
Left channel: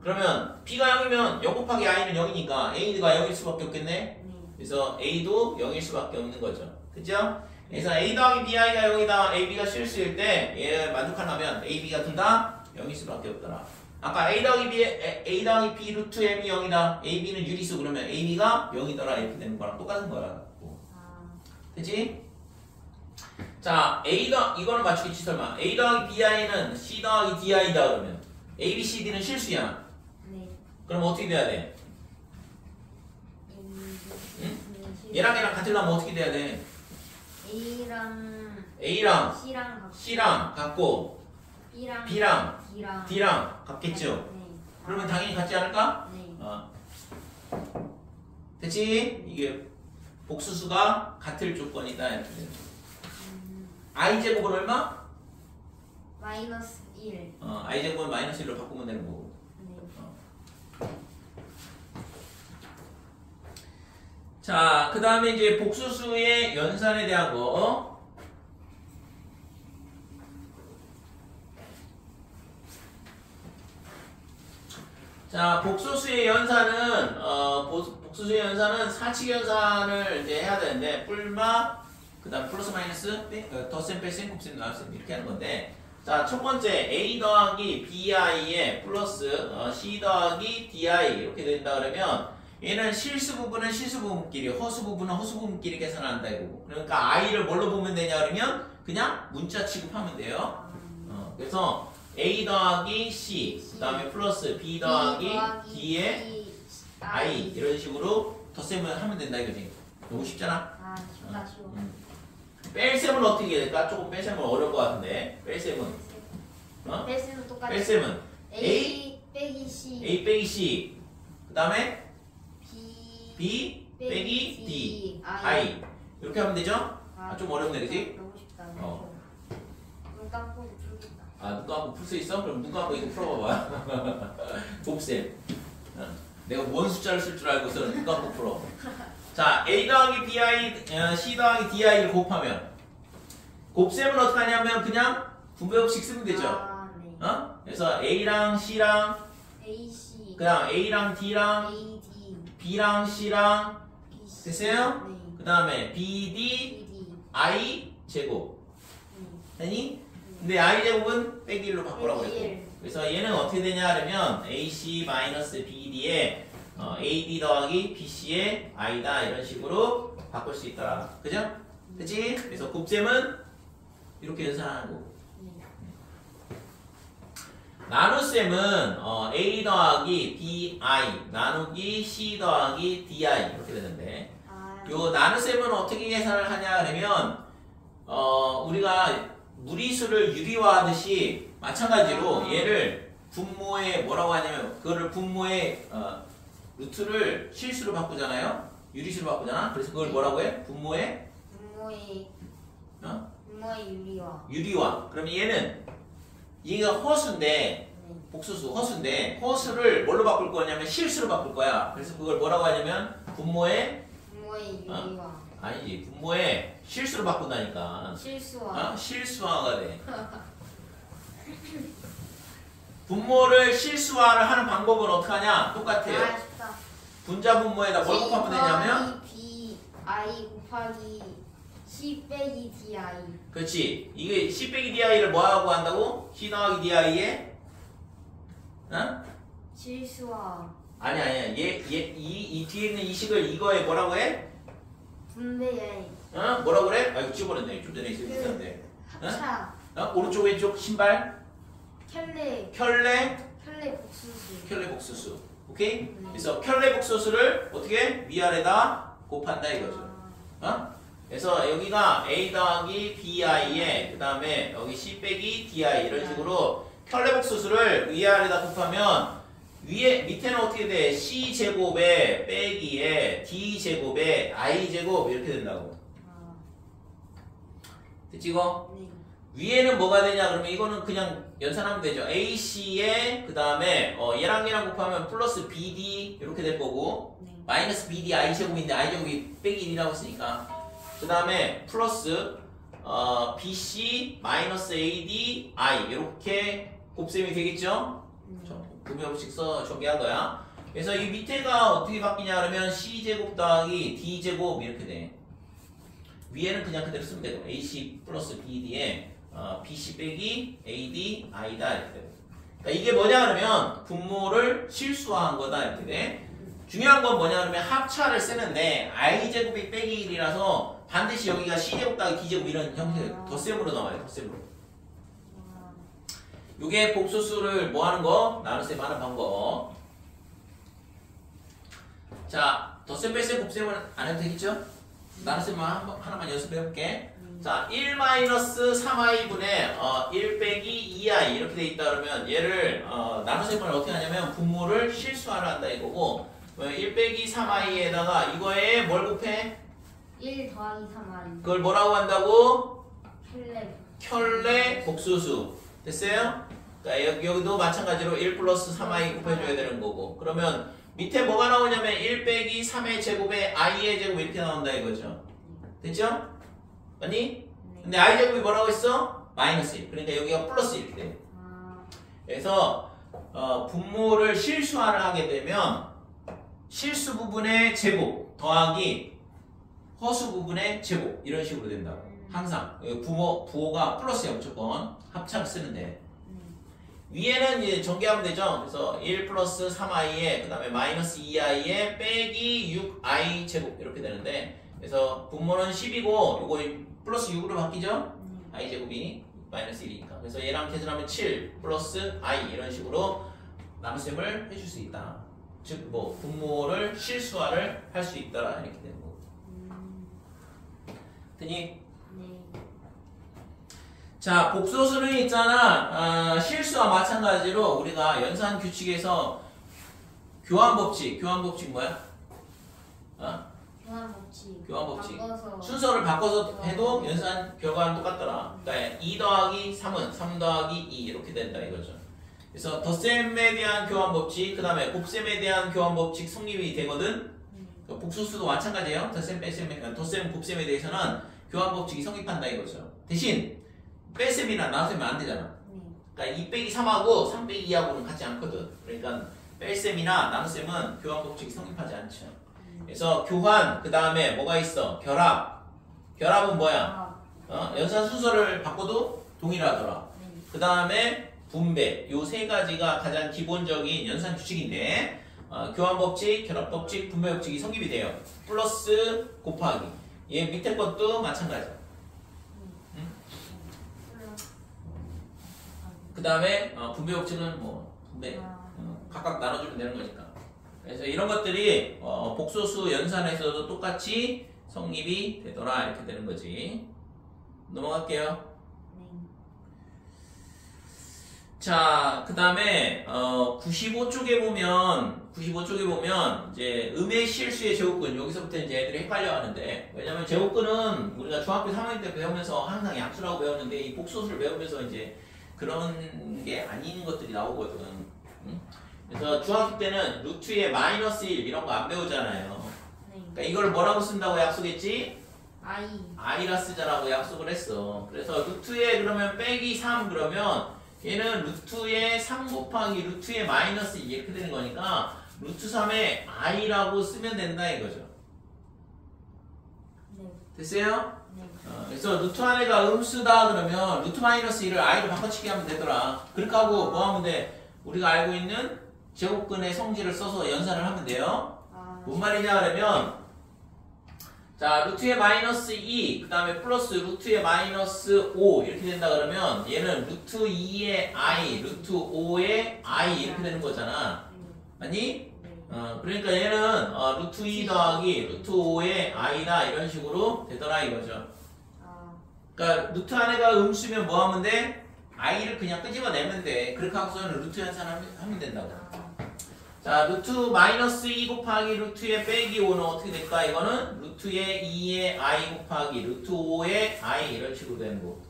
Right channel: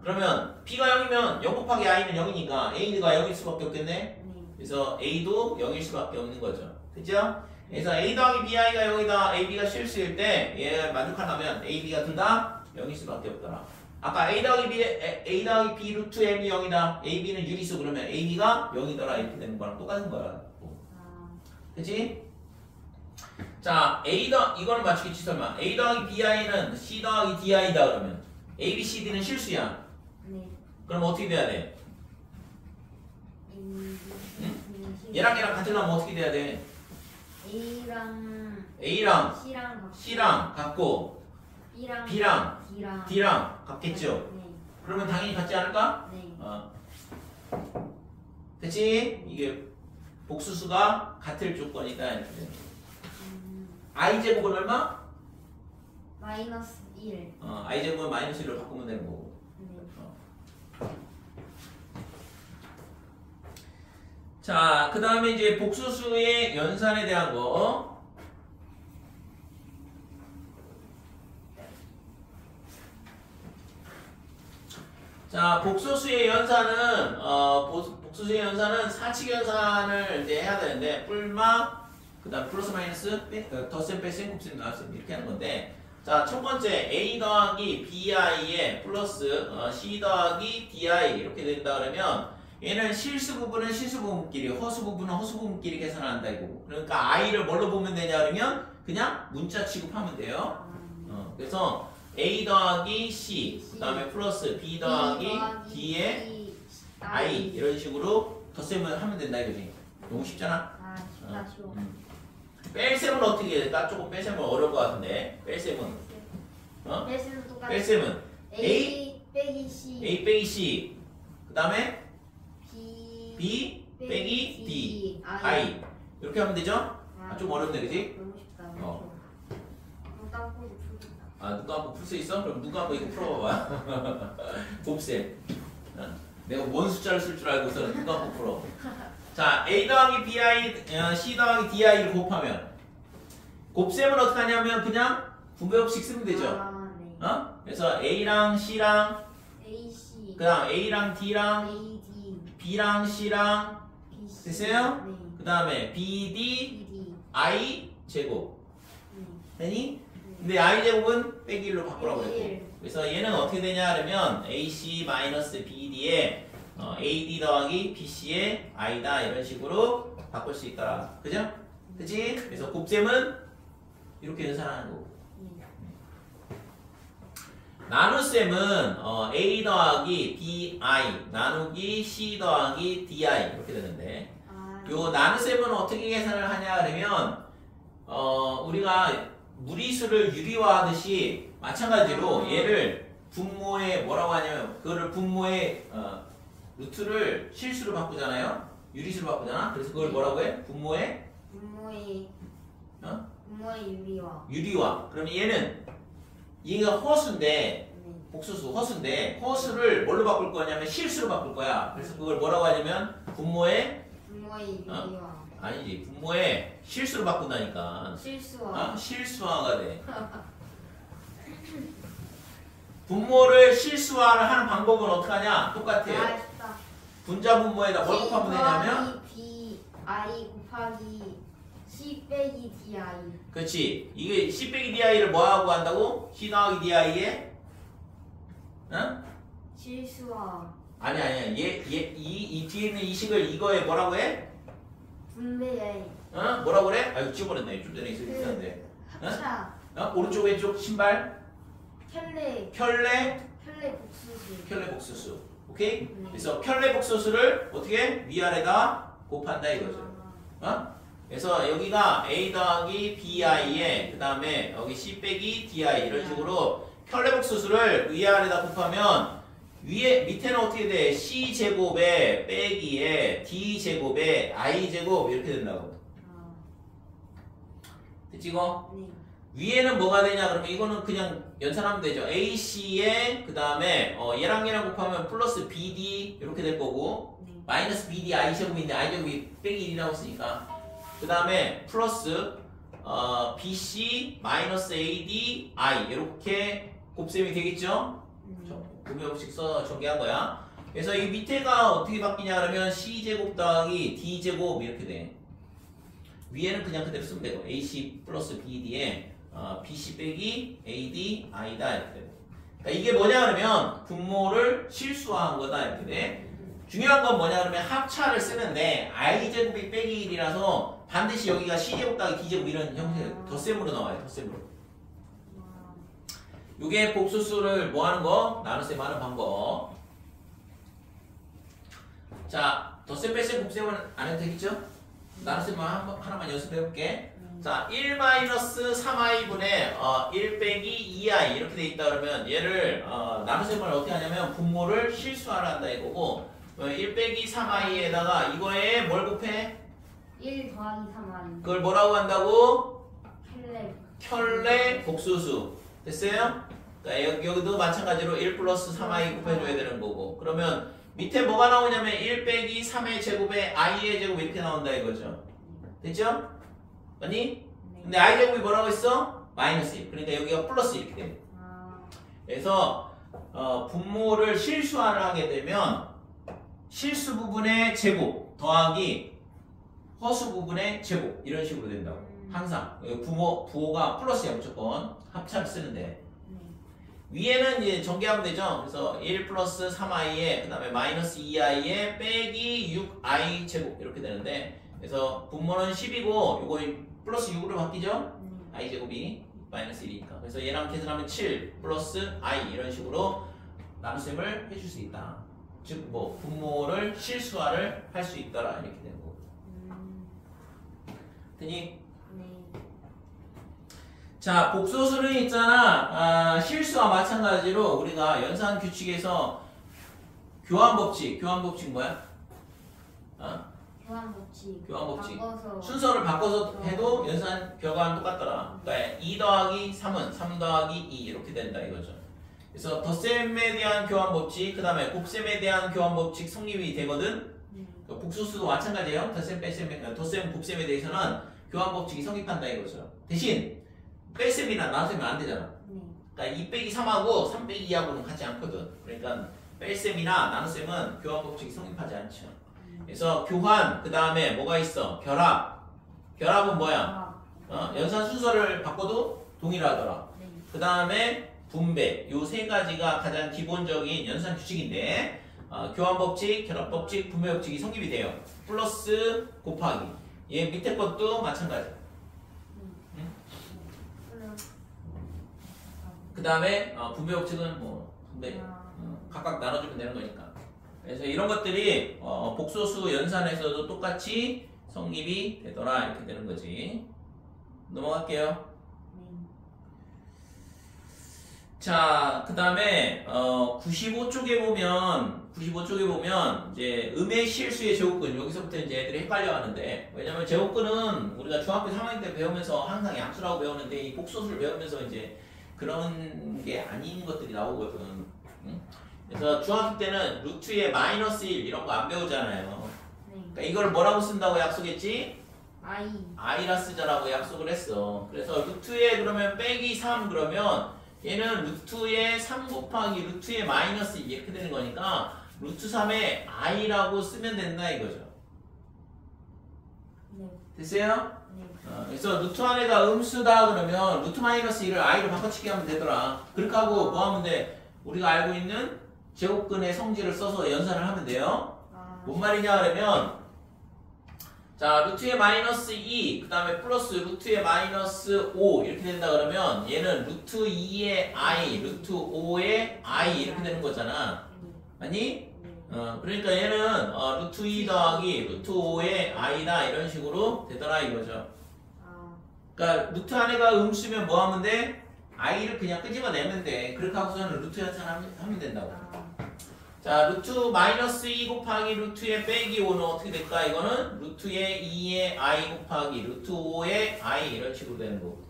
그러면 b가 0이면 0 곱하기 i면 0이니까 a가 0일 수밖에 없겠네. 그래서 a도 0일 수밖에 없는 거죠. 그죠? 그래서 a 더하기 bi가 0이다. ab가 실수일 때 얘 만족하려면 ab가 둘 다 0일 수밖에 없더라. 아까 a 더하기 b 루트 m이 0이다. ab는 유리수 그러면 ab가 0이더라 이렇게 되는 거랑 똑같은 거야. 그치? 자, 이거는 맞추겠지 설마. a 더하기 bi는 c 더하기 di다 그러면 a, b, c, d는 실수야. 네. 그럼 어떻게 돼야 돼? 얘랑 같으려면 어떻게 돼야 돼? A랑 C랑 같고 B랑 D랑 같겠죠? 네. 그러면 당연히 같지 않을까? 네. 그치? 이게 복수수가 같을 조건이다 이렇게 돼. i제곱은 얼마? 마이너스 1. i제곱은 마이너스 1로 바꾸면 되는 거고. 네. 자, 그 다음에 이제 복수수의 연산에 대한 거. 자, 복수수의 연산은 복수수의 연산은 사칙 연산을 이제 해야 되는데 뿔마 그다음 플러스 마이너스 덧셈 뺄셈 곱셈 나눗셈 이렇게 하는 건데 자, 첫 번째 a 더하기 bi에 플러스 c 더하기 di 이렇게 된다 그러면 얘는 실수 부분은 실수 부분끼리 허수 부분은 허수 부분끼리 계산한다 이거고 그러니까 i를 뭘로 보면 되냐 그러면 그냥 문자 취급하면 돼요. 그래서 a 더하기 c 그 다음에 플러스 b 더하기 d에 i 이런 식으로 덧셈을 하면 된다 이거지. 너무 쉽잖아. 쉽다. 뺄셈은 어떻게 될까? 조금 뺄셈은 어려울 것 같은데 뺄셈은 뺄셈은 똑같아. 뺄셈은 A 빼기 C. a 빼기 c 그 다음에 B b 빼기 d i 이렇게 하면 되죠? 좀 어렵네 그지? 너무 쉽다. 감고 풀겠다. 아, 눈 감고 풀 수 있어? 그럼 눈 감고 이거 풀어봐봐. 곱셈. 내가 뭔 숫자를 쓸 줄 알고서 눈 감고 풀어. 자, A 더하기 BI, C 더하기 DI를 곱하면 곱셈은 어떻게 하냐면 그냥 분배법칙 쓰면 되죠. 아, 네. 그래서 A랑 C랑 AC, 그 다음 A랑 D랑 AD, B랑 C랑 BC. 됐어요? 네. 그 다음에 BD, BD. I 제곱 네. 되니? 근데 I 제곱은 빼기 1로 바꾸라고 빼기 했고 일. 그래서 얘는 어떻게 되냐 하면 AC-BD에 AD 더하기 BC의 I다 이런 식으로 바꿀 수 있더라. 그죠? 그치? 그래서 곱셈은 이렇게 연산하는 거고 네. 나눗셈은 A 더하기 BI 나누기 C 더하기 DI 이렇게 되는데 아, 요 나눗셈은 어떻게 계산을 하냐 그러면 우리가 무리수를 유리화하듯이 마찬가지로 얘를 분모에 뭐라고 하냐면 그거를 분모의 루트를 실수로 바꾸잖아요. 유리수로 바꾸잖아. 그래서 그걸 뭐라고 해? 분모의 분모의 유리화. 유리화. 그럼 얘가 허수인데 네. 복수수 허수인데 허수를 뭘로 바꿀 거냐면 실수로 바꿀 거야. 그래서 그걸 뭐라고 하냐면 분모의 분모의 유리화. 아니지 분모의 실수로 바꾼다니까. 실수화. 실수화가 돼. 분모를 실수화를 하는 방법은 어떻게 하냐? 똑같아요. 아, 쉽다. 분자 분모에다 뭘 곱하면 되냐면 B I 곱하기 C 빼기 DI. 그렇지. 이게 C 빼기 DI를 뭐하고 한다고? C 더하기 DI에 실수화. 아니야. 이 뒤에 있는 이 식을 이거에 뭐라고 해? 분배에. 뭐라고 그래? 아이고 집어냈네. 좀 전에 있었는데. 차. 오른쪽 왼쪽 신발 켤레. 켤레 복수수. 켤레 복수수. 오케이? 네. 그래서 켤레 복수수를 어떻게 위아래다 곱한다 이거죠. 그래서 여기가 A 더하기 BI에 그 다음에 여기 C 빼기 DI 이런 식으로 켤레 복수수를 위아래다 곱하면 밑에는 어떻게 돼? C 제곱에 빼기에 D 제곱에 I 제곱 이렇게 된다고. 됐지 이거? 네. 위에는 뭐가 되냐 그러면 이거는 그냥 연산하면 되죠. AC에 그 다음에 얘랑 곱하면 플러스 BD 이렇게 될 거고 네. 마이너스 BD I 제곱인데 I 제곱이 빼기 1이라고 했으니까 그 다음에 플러스 BC 마이너스 AD I 이렇게 곱셈이 되겠죠? 분배법칙 써 정리한 거야. 그래서 이 밑에가 어떻게 바뀌냐 그러면 C제곱 더하기 D제곱 이렇게 돼. 위에는 그냥 그대로 쓰면 되고 AC 플러스 BD에 BC 빼기 AD I다 이렇게 되고. 그러니까 이게 뭐냐 그러면 분모를 실수화한 거다 이렇게 돼. 중요한 건 뭐냐 그러면 합차를 쓰는데 I제곱이 빼기 1이라서 반드시 여기가 C제곱 더하기 D제곱 이런 형태 덧셈으로 나와요. 덧셈으로. 요게 복수수를 뭐 하는 거? 나눗셈 하는 방법. 자, 덧셈 뺄셈 곱셈은 안 해도 되겠죠? 나눗셈만 하나만 연습해 볼게. 자, 1-3i분의 1 빼기 2i 이렇게 돼 있다 그러면 얘를 나눗셈을 어떻게 하냐면 분모를 실수화를 한다 이거고 1 빼기 3i에다가 이거에 뭘 곱해? 1 더하기 3i. 그걸 뭐라고 한다고? 켤레. 복수수. 됐어요? 그러니까 여기도 마찬가지로 1 플러스 3i 곱해줘야 되는 거고 그러면 밑에 뭐가 나오냐면 1 빼기 3의 제곱에 i의 제곱 이렇게 나온다 이거죠. 됐죠? 아니? 근데 i 제곱이 뭐라고 했어? 마이너스 1. 그러니까 여기가 플러스 이렇게 돼. 그래서 분모를 실수화를 하게 되면 실수 부분의 제곱 더하기 허수 부분의 제곱 이런 식으로 된다고. 항상 부호가 플러스야 무조건 합차를 쓰는데 위에는 이제 전개하면 되죠. 그래서 1 플러스 3i에 그 다음에 마이너스 2i에 빼기 6i 제곱 이렇게 되는데 그래서 분모는 10이고 요거 플러스 6으로 바뀌죠. i 제곱이 마이너스 1이니까 그래서 얘랑 계산하면 7 플러스 i 이런 식으로 나눗셈을 해줄 수 있다. 즉 뭐 분모를 실수화를 할 수 있더라 이렇게 되는 거고. 되니? 자, 복소수는 있잖아. 실수와 마찬가지로 우리가 연산 규칙에서 교환법칙 뭐야? 교환 법칙. 교환 법칙. 바꿔서. 순서를 바꿔서 해도 연산 결과는 똑같더라. 그러니까 2 더하기 3은 3 더하기 2 이렇게 된다 이거죠. 그래서 덧셈에 대한 교환 법칙, 그 다음에 곱셈에 대한 교환 법칙 성립이 되거든. 복소수도 마찬가지예요. 덧셈, 뺄셈, 덧셈, 곱셈에 대해서는 교환 법칙이 성립한다 이거죠. 대신 뺄셈이나 나눗셈은 안 되잖아. 그러니까 2 빼기 3하고 3 빼기 2하고는 같지 않거든. 그러니까 뺄셈이나 나눗셈은 교환 법칙이 성립하지 않죠. 그래서 교환, 그 다음에 뭐가 있어? 결합. 결합은 뭐야? 연산 순서를 바꿔도 동일하더라. 그 다음에 분배. 요 세 가지가 가장 기본적인 연산 규칙인데 교환 법칙, 결합 법칙, 분배 법칙이 성립이 돼요. 플러스 곱하기. 얘 밑에 것도 마찬가지. 그 다음에 분배 법칙은 뭐 분배 각각 나눠주면 되는 거니까. 그래서 이런 것들이 복소수 연산에서도 똑같이 성립이 되더라 이렇게 되는 거지. 넘어갈게요. 자, 그 다음에 95쪽에 보면 이제 음의 실수의 제곱근, 여기서부터 이제 애들이 헷갈려 하는데, 왜냐면 제곱근은 우리가 중학교 3학년 때 배우면서 항상 약수라고 배우는데 이 복소수를 배우면서 이제 그런 게 아닌 것들이 나오거든. 응? 그래서 중학교 때는 루트에 마이너스 1 이런 거 안 배우잖아요. 그러니까 이걸 뭐라고 쓴다고 약속했지? i라 쓰자라고 약속을 했어. 그래서 루트에 그러면 빼기 3 그러면 얘는 루트에 3 곱하기 루트에 마이너스 2 이렇게 되는 거니까 루트 3에 i라고 쓰면 된다 이거죠. 됐어요? 그래서 루트 안에가 음수다 그러면 루트 마이너스 1을 i로 바꿔치기 하면 되더라. 그렇게 하고 뭐 하면 돼? 우리가 알고 있는 제곱근의 성질을 써서 연산을 하면 돼요. 뭔 말이냐 그러면 자 루트에 마이너스 2 그 다음에 플러스 루트에 마이너스 5 이렇게 된다 그러면 얘는 루트 2의 i 루트 5의 i 이렇게 되는 거잖아. 맞니? 그러니까 얘는 루트 2 더하기 루트 5의 i다 이런 식으로 되더라 이거죠. 그러니까 루트 안에가 음수면 뭐 하면 돼? i를 그냥 끄집어내면 돼. 그렇게 하고서는 루트 연산하면 된다고. 자, 루트 마이너스 2 곱하기 루트의 빼기 5는 어떻게 될까? 이거는 루트의 2의 i 곱하기 루트 5의 i 이런 식으로 되는 거고.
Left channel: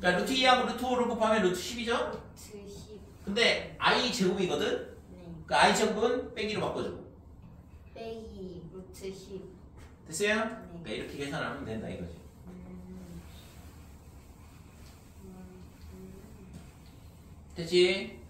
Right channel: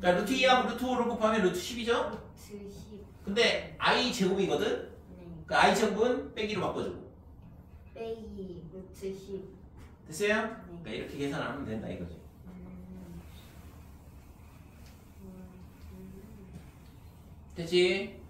그러니까 루트 2하고 루트 5를 곱하면 루트 10이죠? 루트 10. 근데 i 제곱이거든? 그러니까 i 제곱은 빼기로 바꿔주고. 빼기 루트 10. 됐어요? 그러니까 이렇게 계산하면 된다 이거지. 됐지?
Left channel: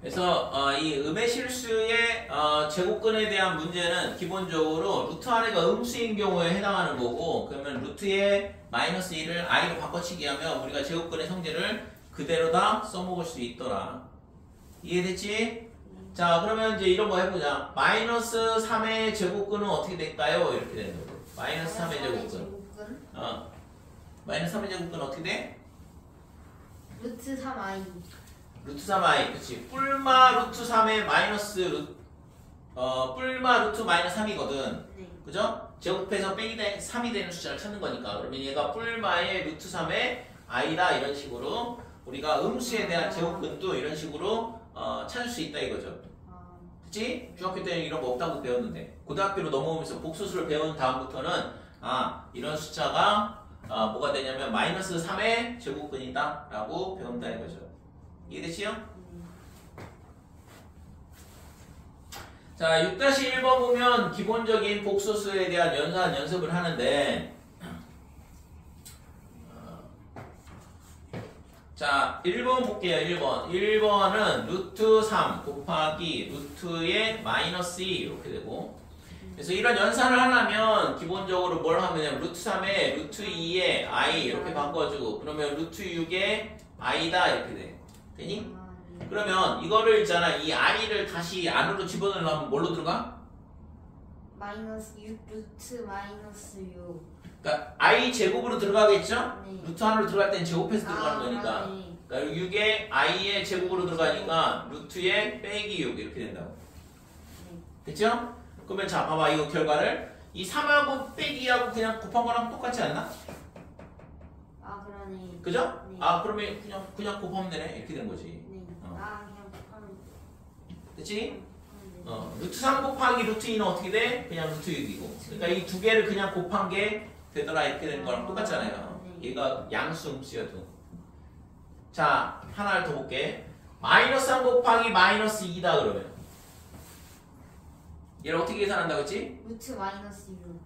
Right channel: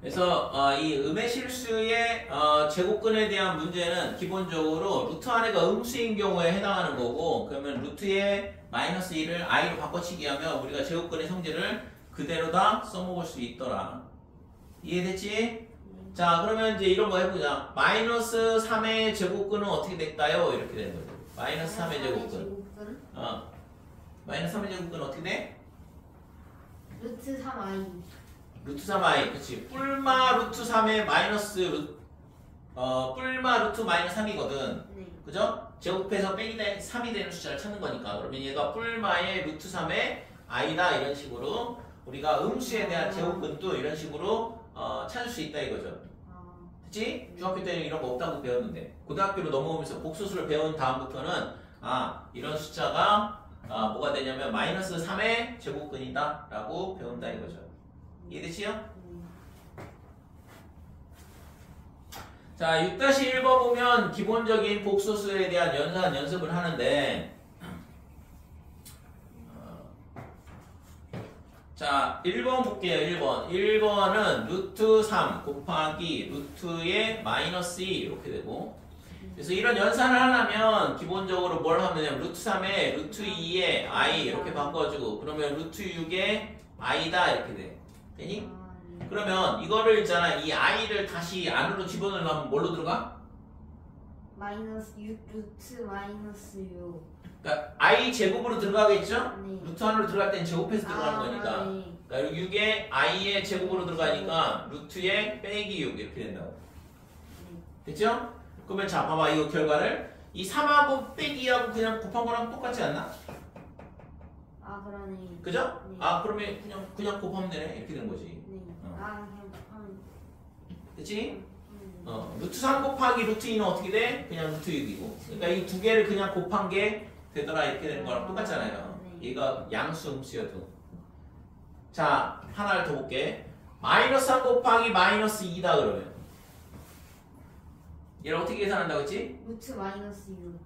그래서 이 음의 실수의 제곱근에 대한 문제는 기본적으로 루트 안에가 음수인 경우에 해당하는 거고, 그러면 루트의 마이너스 1을 i로 바꿔치기 하면 우리가 제곱근의 성질을 그대로 다 써먹을 수 있더라. 이해됐지? 자, 그러면 이제 이런 거 해보자. 마이너스 3의 제곱근은 어떻게 될까요? 이렇게 되는 거죠. 마이너스 3의 제곱근. 마이너스 3의 제곱근은 어떻게 돼? 루트 3i. 루트 3i, 그치. 뿔마 루트 3의 마이너스 뿔마 루트 마이너스 3이거든. 그죠? 제곱해서 빼기 3이 되는 숫자를 찾는 거니까. 그러면 얘가 뿔마의 루트 3의 i다 이런 식으로 우리가 음수에 대한 제곱근도 이런 식으로 찾을 수 있다 이거죠. 그치? 중학교 때는 이런 거 없다고 배웠는데 고등학교로 넘어오면서 복소수를 배운 다음부터는 이런 숫자가 뭐가 되냐면 마이너스 3의 제곱근이다 라고 배운다 이거죠. 이해되시요? 자, 6-1번 보면 기본적인 복소수에 대한 연산 연습을 하는데 자, 1번 볼게요. 1번. 1번은 루트 3 곱하기 루트의 마이너스 2 이렇게 되고, 그래서 이런 연산을 하려면 기본적으로 뭘 하면 되냐면 루트 3에 루트 2에 i 이렇게 바꿔주고, 그러면 루트 6에 i다 이렇게 돼. 되니? 그러면 이거를 있잖아, 이 i를 다시 안으로 집어넣으려면 뭘로 들어가? 마이너스 6 루트 마이너스 6. 그러니까 i 제곱으로 들어가겠죠? 네. 루트 안으로 들어갈 땐 제곱해서 들어가는 거니까. 네. 그러니까 6에 i의 제곱으로 들어가니까 루트에 빼기 6 이렇게 된다고. 됐죠? 그러면 자, 봐봐, 이거 결과를 이 3하고 빼기하고 그냥 곱한 거랑 똑같지 않나? 그러네. 그죠? 네. 그러면 그냥 곱하면 되네 이렇게 된 거지. 네. 그냥 곱하면. 됐지? 루트 3 곱하기 루트 2는 어떻게 돼? 그냥 루트 6이고. 그러니까 이 두 개를 그냥 곱한 게 되더라 이렇게 된 거랑 똑같잖아요. 얘가 양수 음수여도. 자, 하나를 더 볼게. 마이너스 3 곱하기 마이너스 2다 그러면 얘를 어떻게 계산한다고 했지? 루트 마이너스 6.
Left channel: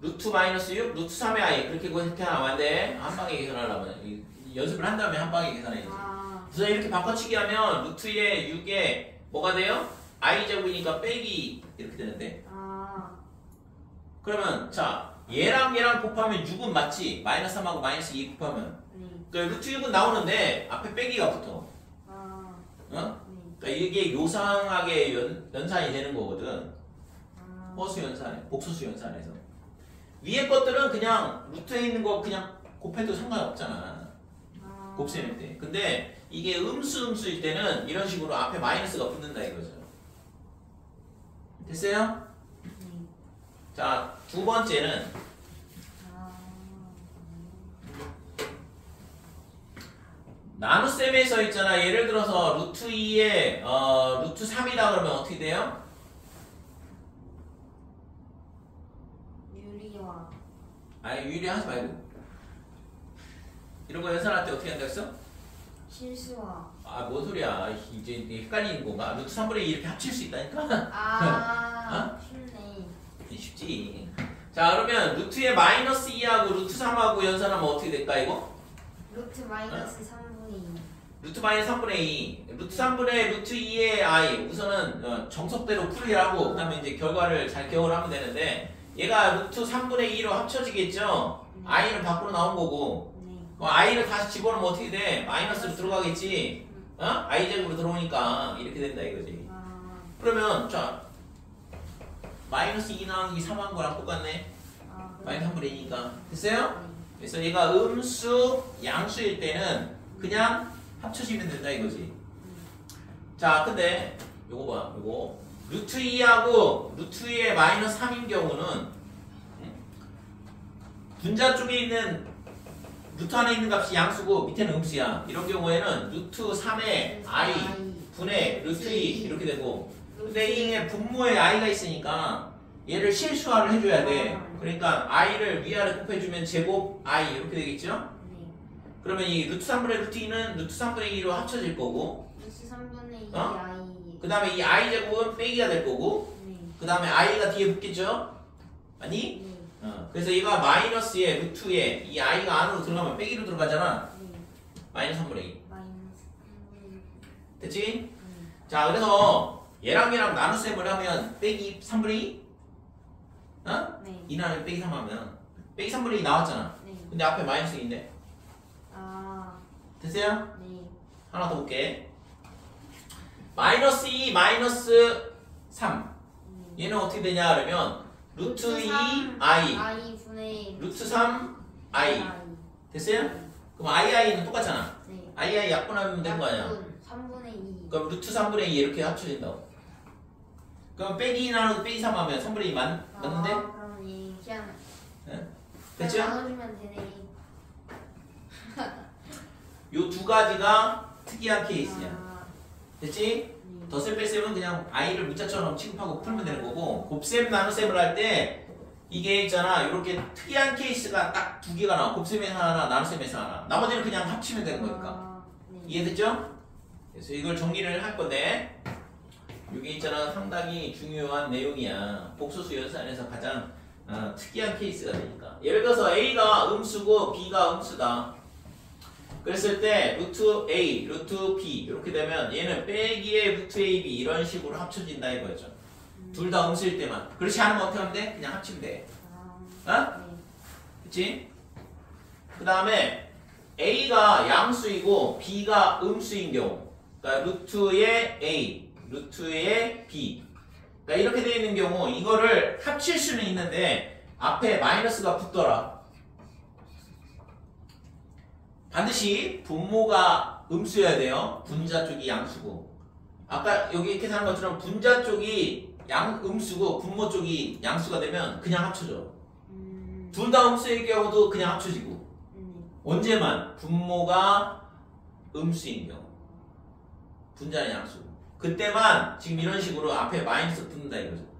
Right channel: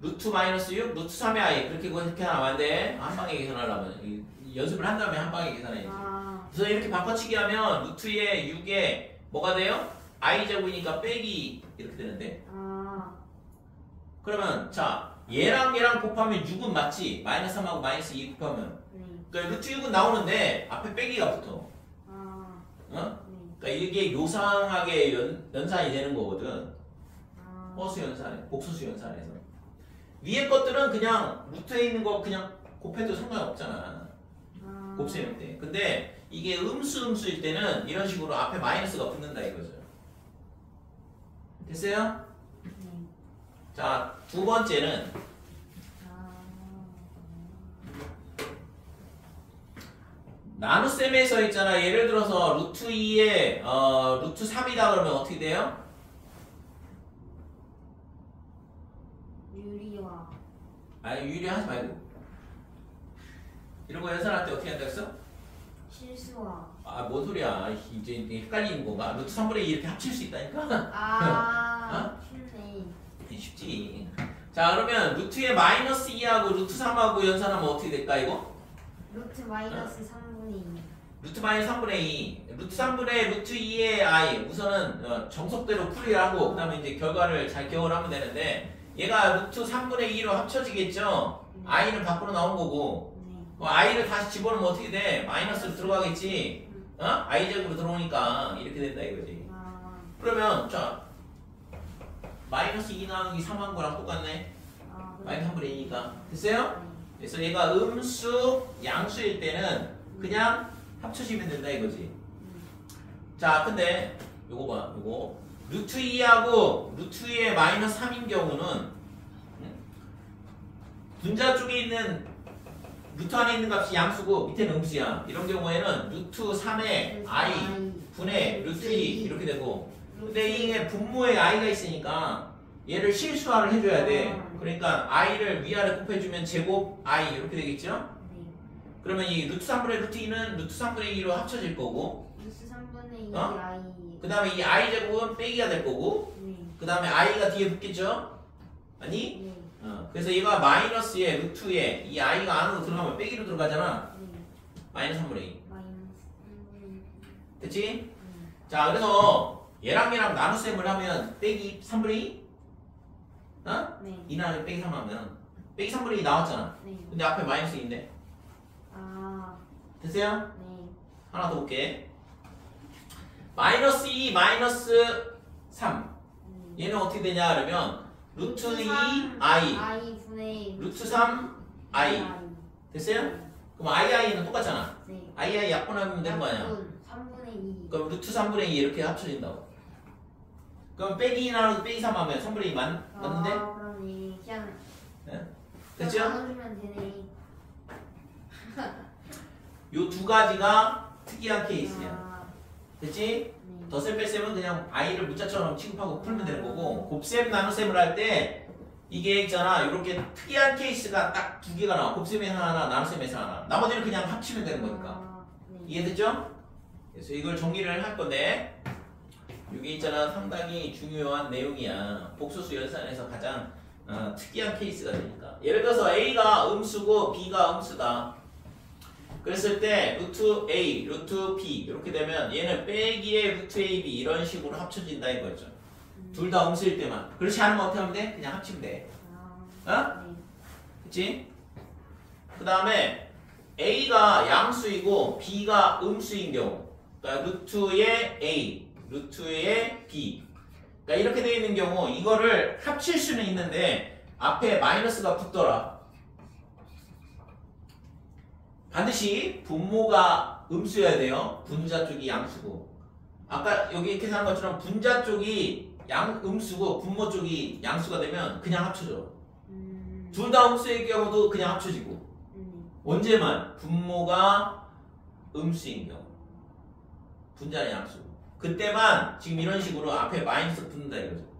루트 마이너스 6, 루트 3의 i 그렇게 나왔는데 한 방에 계산하려면 연습을 한 다음에 한 방에 계산해야지. 그래서 이렇게 바꿔치기 하면 루트의 6에 뭐가 돼요? i 제곱이니까 빼기 이렇게 되는데. 그러면 자 얘랑 곱하면 6은 맞지? 마이너스 3하고 마이너스 2 곱하면. 그러니까 루트 6은 나오는데 앞에 빼기가 붙어. 그러니까 이게 요상하게 연산이 되는 거거든. 허수 연산, 복소수 연산에서. 위에 것들은 그냥 루트에 있는 거 그냥 곱해도 상관없잖아. 곱셈일 때. 근데 이게 음수일 때는 이런 식으로 앞에 마이너스가 붙는다 이거죠. 됐어요? 자, 두 번째는 나눗셈에서 있잖아. 예를 들어서 루트 2에 루트 3이다 그러면 어떻게 돼요? 유리와. 아니 유리하지 말고 이런 거 연산할 때 어떻게 한다고 했어? 실수와. 아, 뭔 소리야. 이제 헷갈리는 건가? 루트 3분의 2 이렇게 합칠 수 있다니까? 쉽네. 쉽지. 자, 그러면 루트의 마이너스 2하고 루트 3하고 연산하면 어떻게 될까, 이거? 루트 마이너스 3분의 2. 루트 마이너스 3분의 2. 루트 3분의 루트 2의 i. 우선은 정석대로 풀이하고, 그 다음에 이제 결과를 잘 기억을 하면 되는데, 얘가 루트 3분의 2로 합쳐지겠죠? i는 밖으로 나온 거고, i를 다시 집어넣으면 어떻게 돼? 마이너스로 들어가겠지? i 제곱으로 들어오니까 이렇게 된다 이거지. 그러면 자 마이너스 2 나누기 3한 거랑 똑같네. 마이너스 3분의 2니까 됐어요? 그래서 얘가 음수, 양수일 때는 그냥 합쳐지면 된다 이거지. 자, 근데 요거 봐, 요거 루트 2하고 루트 2의 마이너스 3인 경우는 분자 쪽에 있는 루트 안에 있는 값이 양수고 밑에는 음수야. 이런 경우에는 루트 3의 i 분의 루트 2 이렇게 되고, 근데 이게 분모에 i가 있으니까 얘를 실수화를 해줘야 돼. 그러니까 i를 위아래 곱해주면 제곱 i 이렇게 되겠죠? 그러면 이 루트 3분의 루트 2는 루트 3분의 2로 합쳐질 거고, 루트 3분의 2 i. 그 다음에 이 i 제곱은 빼기가 될 거고, 그 다음에 i가 뒤에 붙겠죠? 아니? 그래서 얘가 마이너스에 루트에 이 i가 안으로 들어가면 빼기로 들어가잖아. 마이너스 3분의 2. 됐지? 자, 그래서 얘랑 나눗셈을 하면 빼기 3분의 2? 네. 2 나누기 빼기 3 하면 빼기 3분의 2 나왔잖아. 근데 앞에 마이너스 2인데. 됐어요? 하나 더 볼게. 마이너스 2, 마이너스 3. 얘는 어떻게 되냐 그러면 루트 2 i 분의 루트 3 i 됐어요? 그럼 i는 똑같잖아. i 약분하면 되는 거 아니야? 3분의 2. 그럼 루트 3분의 2 이렇게 합쳐진다고. 그럼 빼기 2 나누고 빼기 3 하면 3분의 2 맞는데? 그러니 그냥 됐죠? 나눠주면 되네. 요 두 가지가 특이한 케이스야. 됐지? 덧셈 뺄셈은 그냥 i를 문자처럼 취급하고 풀면 되는 거고, 곱셈 나눗셈을 할 때 이게 있잖아, 이렇게 특이한 케이스가 딱 두 개가 나와. 곱셈에서 하나, 나눗셈에서 하나. 나머지는 그냥 합치면 되는 거니까. 이해됐죠? 그래서 이걸 정리를 할 건데, 이게 있잖아, 상당히 중요한 내용이야. 복소수 연산에서 가장 특이한 케이스가 되니까. 예를 들어서 a가 음수고 b가 음수다. 그랬을 때 루트 a, 루트 b 이렇게 되면 얘는 빼기의 루트 ab 이런 식으로 합쳐진다 이거죠. 둘 다 음수일 때만. 그렇지 않으면 어떻게 하면 돼? 그냥 합치면 돼. 그치? 그 다음에 a가 양수이고 b가 음수인 경우, 그러니까 루트의 a, 루트의 b, 그러니까 이렇게 되어 있는 경우 이거를 합칠 수는 있는데 앞에 마이너스가 붙더라. 반드시 분모가 음수여야 돼요. 분자 쪽이 양수고. 아까 여기 계산한 것처럼 분자 쪽이 음수고 분모 쪽이 양수가 되면 그냥 합쳐져. 둘 다 음수일 경우도 그냥 합쳐지고. 언제만? 분모가 음수인 경우. 분자는 양수고. 그때만 지금 이런 식으로 앞에 마이너스 붙는다 이거죠.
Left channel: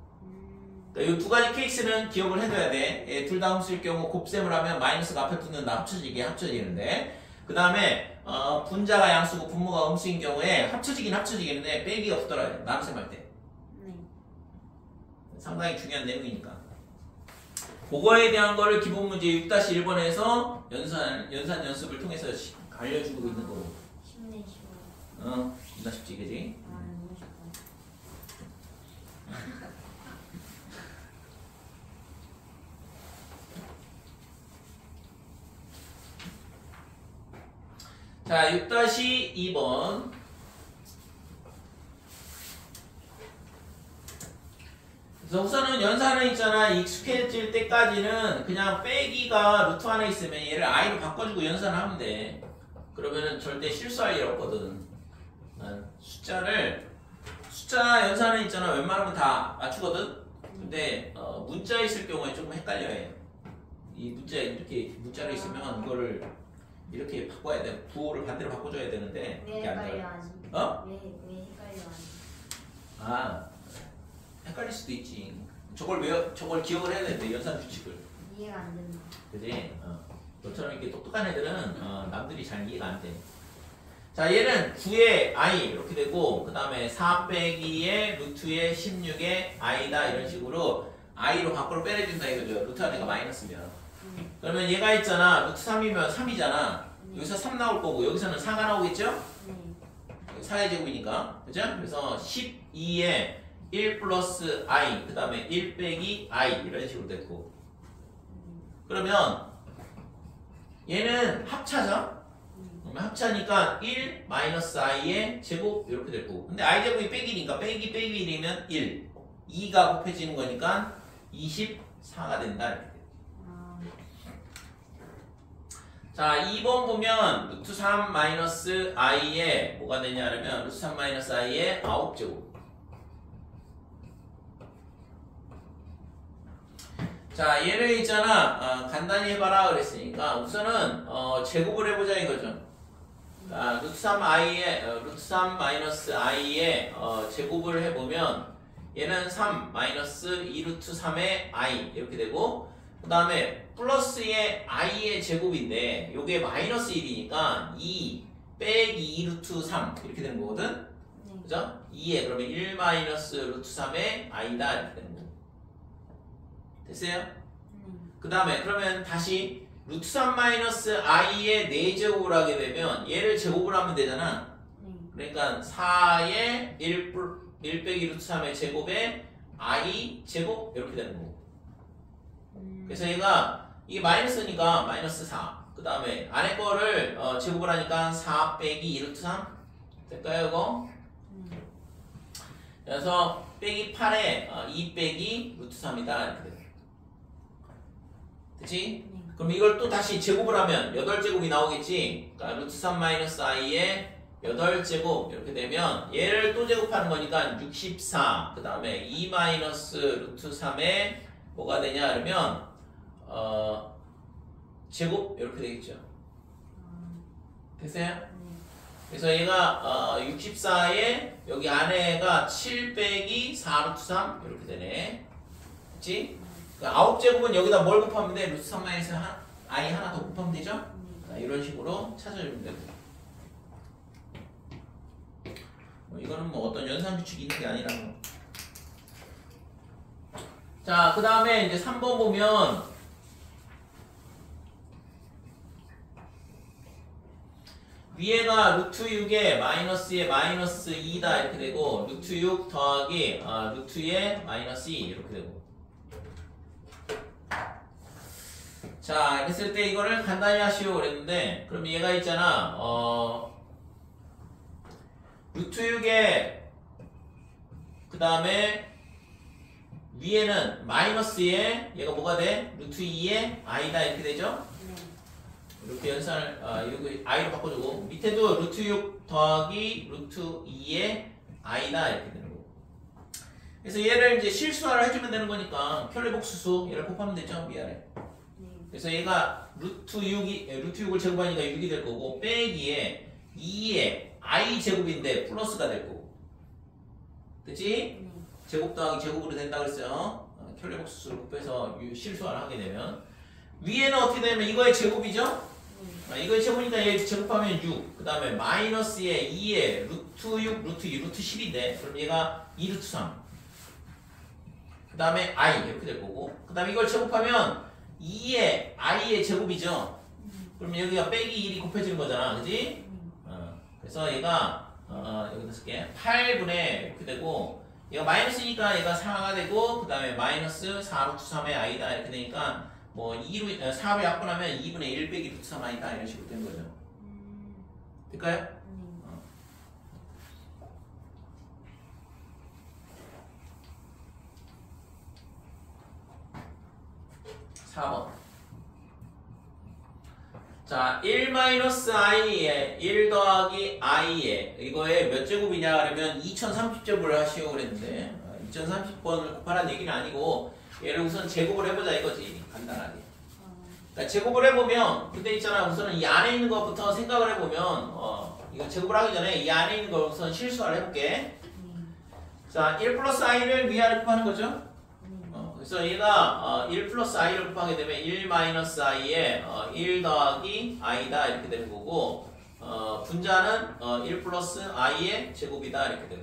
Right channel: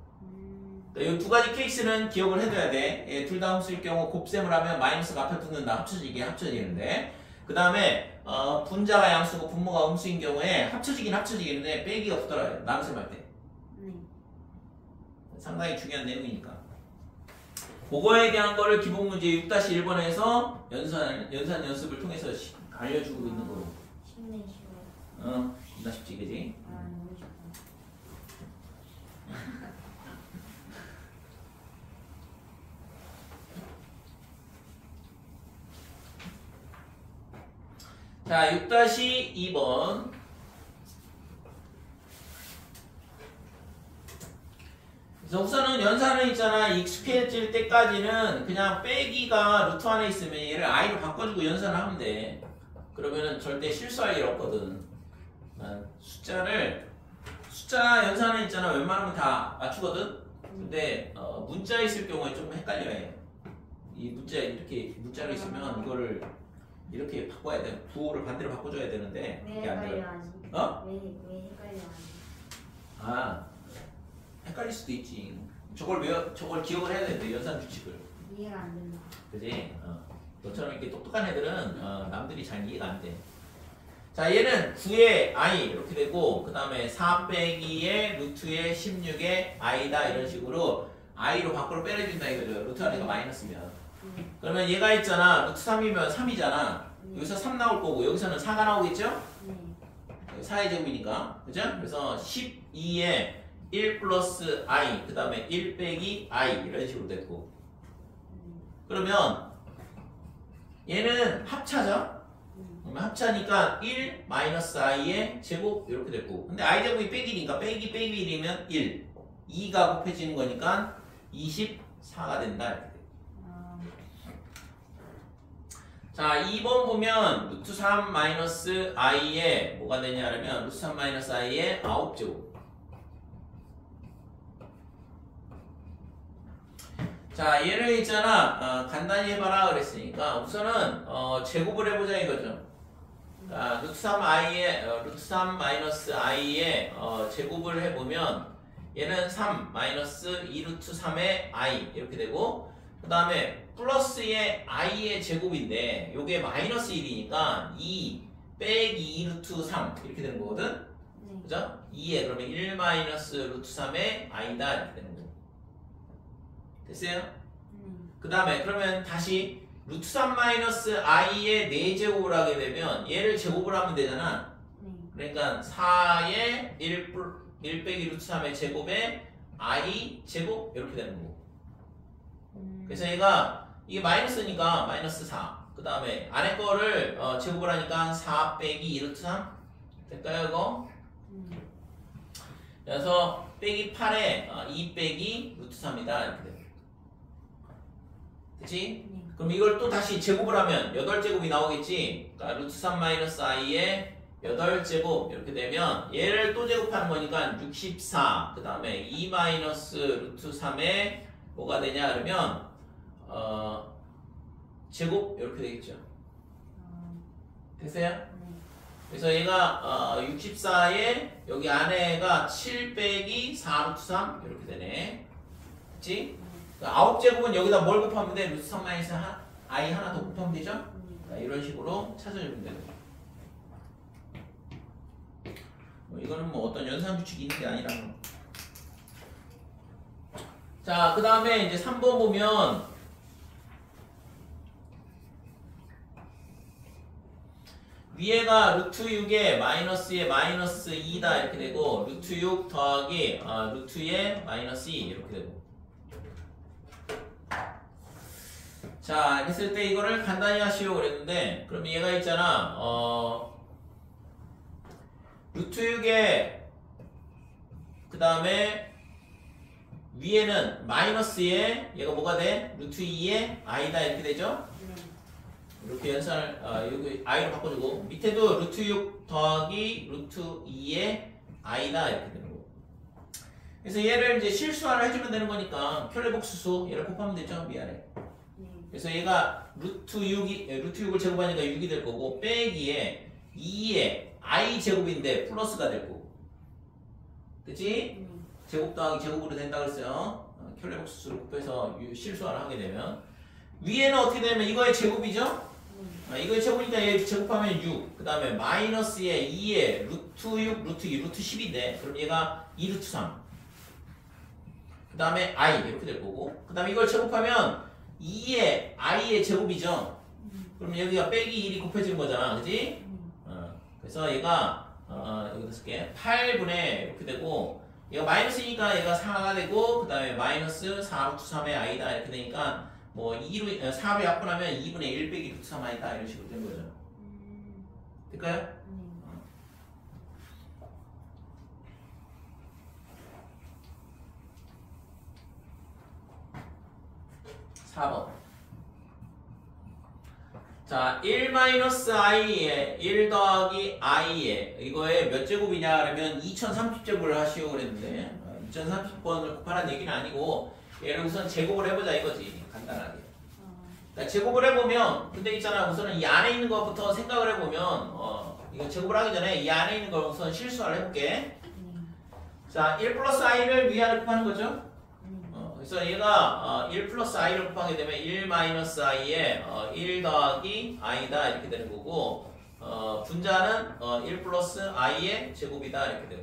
이 두 가지 케이스는 기억을 해둬야 돼. 둘 다 홈수일 경우 곱셈을 하면 마이너스가 앞에 붙는다. 합쳐지는데 그 다음에 분자가 양수고 분모가 음수인 경우에 합쳐지기는데 빼기가 붙더라고요. 나눗셈할 때. 상당히 중요한 내용이니까. 그거에 대한 거를 기본 문제 6-1번에서 연산 연습을 통해서 알려주고 있는 거고. 쉽네 쉬워. 겁나 쉽지 그지? 너무 쉽어. 자, 6-2번. 그래서 우선은 연산은 있잖아. 익숙해질 때까지는 그냥 빼기가 루트 안에 있으면 얘를 i로 바꿔주고 연산을 하면 돼. 그러면은 절대 실수할 일 없거든. 숫자 연산은 있잖아. 웬만하면 다 맞추거든. 근데 문자 있을 경우에 조금 헷갈려요. 이 문자 이렇게 문자로 있으면 이거를 이렇게 바꿔야 돼. 구호를 반대로 바꿔줘야 되는데 왜 그게 안 헷갈려 돼요. 하지? 왜 헷갈려 하지? 헷갈릴 수도 있지. 저걸 기억을 해야 되는데 연산 규칙을. 이해가 안 된다. 그지? 너처럼 이렇게 똑똑한 애들은 남들이 잘 이해가 안 돼. 자, 얘는 9에 i 이렇게 되고 그 다음에 4 빼기에 루트에 16에 i다 이런 식으로 i로 밖으로 빼내준다 이거죠. 루트 안에가 마이너스면. 그러면 얘가 있잖아. 루트 3이면 3이잖아. 여기서 3 나올 거고 여기서는 4가 나오겠죠? 4의 제곱이니까. 그죠? 그래서 12에 1 플러스 i 그 다음에 1 빼기 i 이런 식으로 됐고 그러면 얘는 합차죠? 그러면 합차니까 1 마이너스 i의 제곱 이렇게 됐고 근데 i 제곱이 빼기니까 빼기 1이면 1 2가 곱해지는 거니까 24가 된다 이렇게 돼. 자 2번 보면 루트 3 마이너스 i의 뭐가 되냐면 루트 3 마이너스 i의 9제곱 자 얘를 있잖아 간단히 해봐라 그랬으니까 우선은 제곱을 해보자 이거죠. 그러니까 루트 3 마이너스 i의 제곱을 해보면 얘는 3 마이너스 2루트 3의 i 이렇게 되고 그 다음에 플러스의 i의 제곱인데 요게 마이너스 1이니까 2 빼기 2루트 3 이렇게 되는 거거든. 그죠? 2에 그러면 1 마이너스 루트 3의 i다 이렇게 되는 거고 됐어요? 그 다음에 그러면 다시 루트 3 마이너스 i의 4제곱을 하게 되면 얘를 제곱을 하면 되잖아. 그러니까 4의 1 빼기 루트 3의 제곱에 i 제곱 이렇게 되는 거고 그래서 얘가 이게 마이너스니까 마이너스 4 그 다음에 안에 거를 제곱을 하니까 4 빼기 2 루트 3 될까요 이거? 그래서 빼기 8에 2 빼기 루트 3이다 이렇게 돼요. 그치? 그럼 이걸 또 다시 제곱을 하면 8제곱이 나오겠지? 그러니까 루트 3 마이너스 i의 8제곱 이렇게 되면 얘를 또 제곱하는 거니까 64 그 다음에 2 마이너스 루트 3에 뭐가 되냐 그러면 제곱 이렇게 되겠죠. 됐어요? 그래서 얘가 64에 여기 안에가 7 빼기 4 루트 3 이렇게 되네. 그치? 그러니까 9제곱은 여기다 뭘 곱하면 돼? 루트 3 마이너스 i 하나 더 곱하면 되죠? 이런 식으로 찾아주면 되고 이거는 뭐 어떤 연산 규칙이 있는 게 아니라 자, 그 다음에 이제 3번 보면 위에가 루트 6에 마이너스에 마이너스 2다 이렇게 되고 루트 6 더하기 루트에 마이너스 2 이렇게 되고 자, 했을 때 이거를 간단히 하시오 그랬는데 그러면 얘가 있잖아 루트 6에 그 다음에 위에는 마이너스에 얘가 뭐가 돼? 루트 2에 i다 이렇게 되죠? 이렇게 연산을 여기 i로 바꿔주고 밑에도 루트 6 더하기 루트 2에 i다 이렇게 되는 거고 그래서 얘를 이제 실수화를 해주면 되는 거니까 켤레복수수 얘를 곱하면 되죠? 위아래 그래서 얘가 루트 6을 제곱하니까 6이 될 거고 빼기에 2에 i 제곱인데 플러스가 될 거고 그치? 제곱 더하기 제곱으로 된다 그랬어요. 켤레 복수수를 곱해서 실수를 하게 되면 위에는 어떻게 되면 이거의 제곱이죠? 이거의 제곱이니까 얘 제곱하면 6. 그 다음에 마이너스에 2에 루트 6, 루트 2, 루트 10인데 그럼 얘가 2루트 3. 그 다음에 i 이렇게 될 거고 그 다음에 이걸 제곱하면 2에 i의 제곱이죠. 그럼 여기가 빼기 1이 곱해지는 거잖아. 그지? 그래서 얘가 여기다 쓸게 8분의 이렇게 되고 얘가 마이너스니까 얘가 4가 되고 그 다음에 마이너스 4루트 3의 i다 이렇게 되니까 뭐 4로 약분하면 2분의 1 빼기 루트 3 i다 이런 식으로 된 거죠. 될까요? 4번. 자, 1-i에 1 더하기 i에 이거에 몇 제곱이냐 그러면 2030제곱을 하시오 그랬는데 2030번을 곱하라는 얘기는 아니고 얘를 우선 제곱을 해보자 이거지. 간단하게. 그러니까 제곱을 해보면 근데 있잖아 우선은 이 안에 있는 것부터 생각을 해보면 이거 제곱을 하기 전에 이 안에 있는 걸 우선 실수를 해볼게. 자, 1 플러스 i를 위아래 곱하는 거죠. 그래서 얘가 1 플러스 i를 곱하게 되면 1 마이너스 i에 1 더하기 i다 이렇게 되는 거고 분자는 1 플러스 i의 제곱이다 이렇게 되고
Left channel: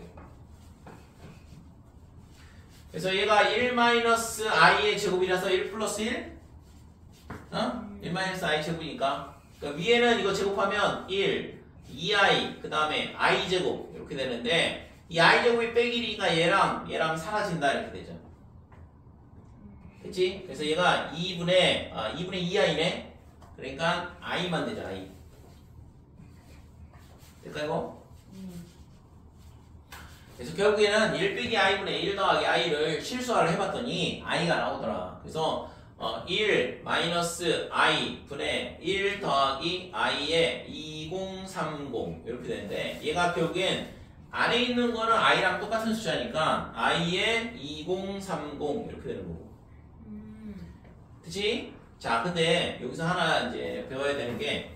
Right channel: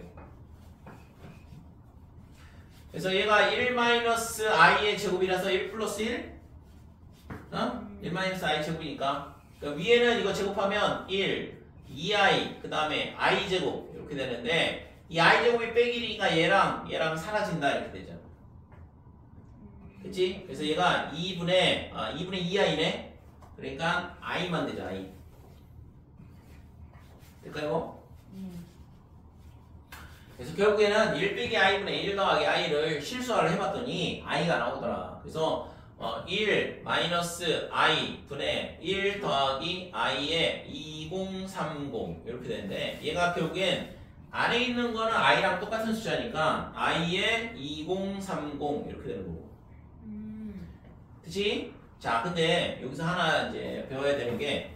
그래서 얘가 1 마이너스 i의 제곱이라서 1 플러스 1 1 마이너스 i 제곱이니까 그러니까 위에는 이거 제곱하면 1 2i 그 다음에 i 제곱 이렇게 되는데 이 i 제곱이 빼기 1이니까 얘랑 사라진다 이렇게 되죠. 그치? 그래서 얘가 2분의 2i네. 그러니까 i만 되죠. i. 될까요? 그래서 결국에는 1 빼기 i분의 1 더하기 i를 실수화를 해봤더니 i가 나오더라. 그래서 1 마이너스 i 분의 1 더하기 i의 2030 이렇게 되는데 얘가 결국엔 안에 있는 거는 i랑 똑같은 숫자니까 i의 2030 이렇게 되는 거고. 그치? 자, 근데 여기서 하나 이제 배워야 되는 게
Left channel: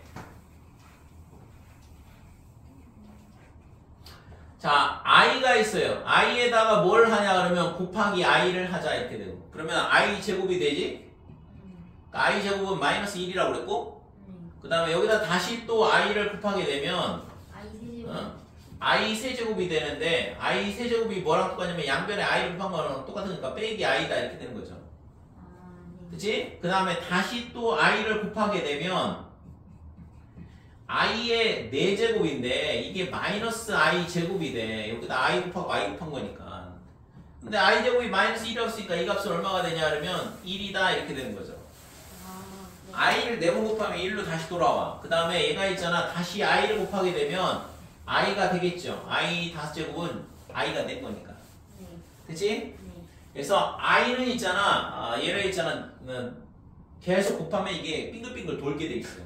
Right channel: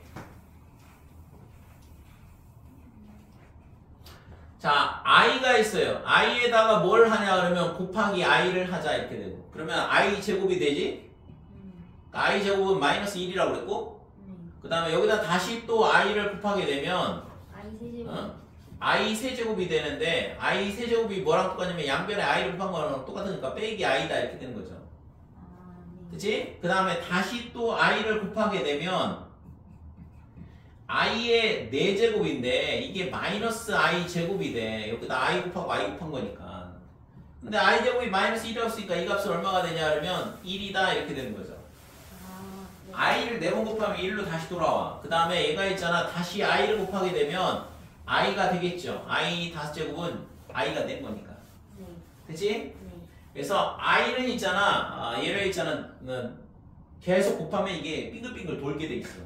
자, i가 있어요. i에다가 뭘 하냐 그러면 곱하기 i를 하자 이렇게 되고 그러면 i 제곱이 되지? i 제곱은 마이너스 1이라고 그랬고 그 다음에 여기다 다시 또 i를 곱하게 되면 i 세제곱이 되는데 i 세제곱이 뭐랑 똑같냐면 양변에 i를 곱한 거랑 똑같으니까 빼기 i다 이렇게 되는 거죠. 그치? 그 다음에 다시 또 i를 곱하게 되면 i의 4제곱인데 이게 마이너스 i 제곱이 돼. 여기다 i 곱하고 i 곱한 거니까. 근데 i 제곱이 마이너스 1이었으니까 이 값은 얼마가 되냐 그러면 1이다 이렇게 되는 거죠. i를 4번 곱하면 1로 다시 돌아와. 그 다음에 얘가 있잖아. 다시 i를 곱하게 되면 i가 되겠죠. i 5제곱은 i가 된 거니까. 그치? 그래서 i는 있잖아. 얘를 있잖아. 계속 곱하면 이게 빙글빙글 돌게 돼 있어.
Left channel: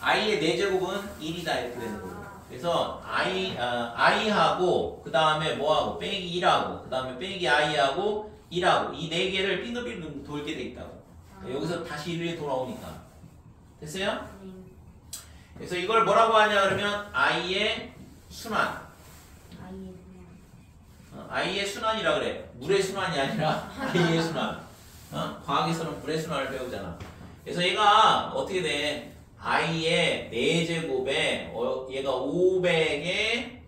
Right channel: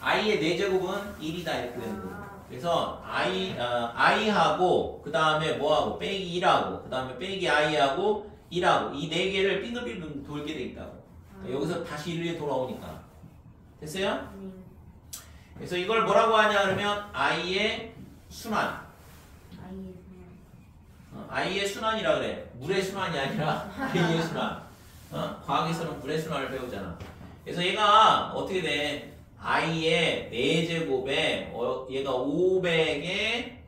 i의 4제곱은 1이다 이렇게 되는 거고. 그래서 i하고 그 다음에 뭐하고 빼기 1하고 그 다음에 빼기 i하고 1하고 이 4개를 빙글빙글 돌게 돼 있다고. 그러니까 여기서 다시 1에 돌아오니까. 됐어요? 그래서 이걸 뭐라고 하냐 그러면 i의 순환. i의 순환이라 그래. 물의 순환이 아니라 i의 순환. 과학에서는 물의 순환을 배우잖아. 그래서 얘가 어떻게 돼? i의 4제곱에 얘가 500에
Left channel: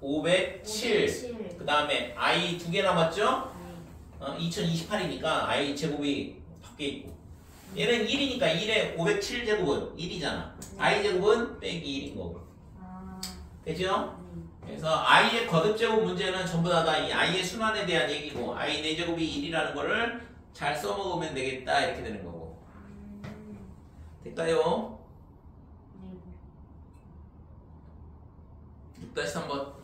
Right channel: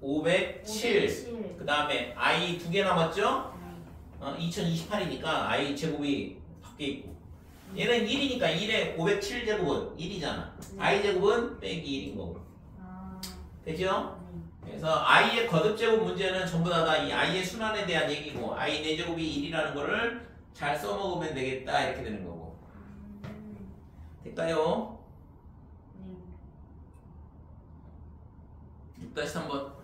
507. 그 다음에 i 2개 남았죠? 2028이니까 i 제곱이 밖에 있고 얘는 1이니까 1에 507제곱은 1이잖아. i 제곱은 빼기 1인 거고. 되죠? 그래서 i의 거듭제곱 문제는 전부 다 이 i의 순환에 대한 얘기고 i 4제곱이 1이라는 거를 잘 써먹으면 되겠다 이렇게 되는 거고. 될까요? 6-3번.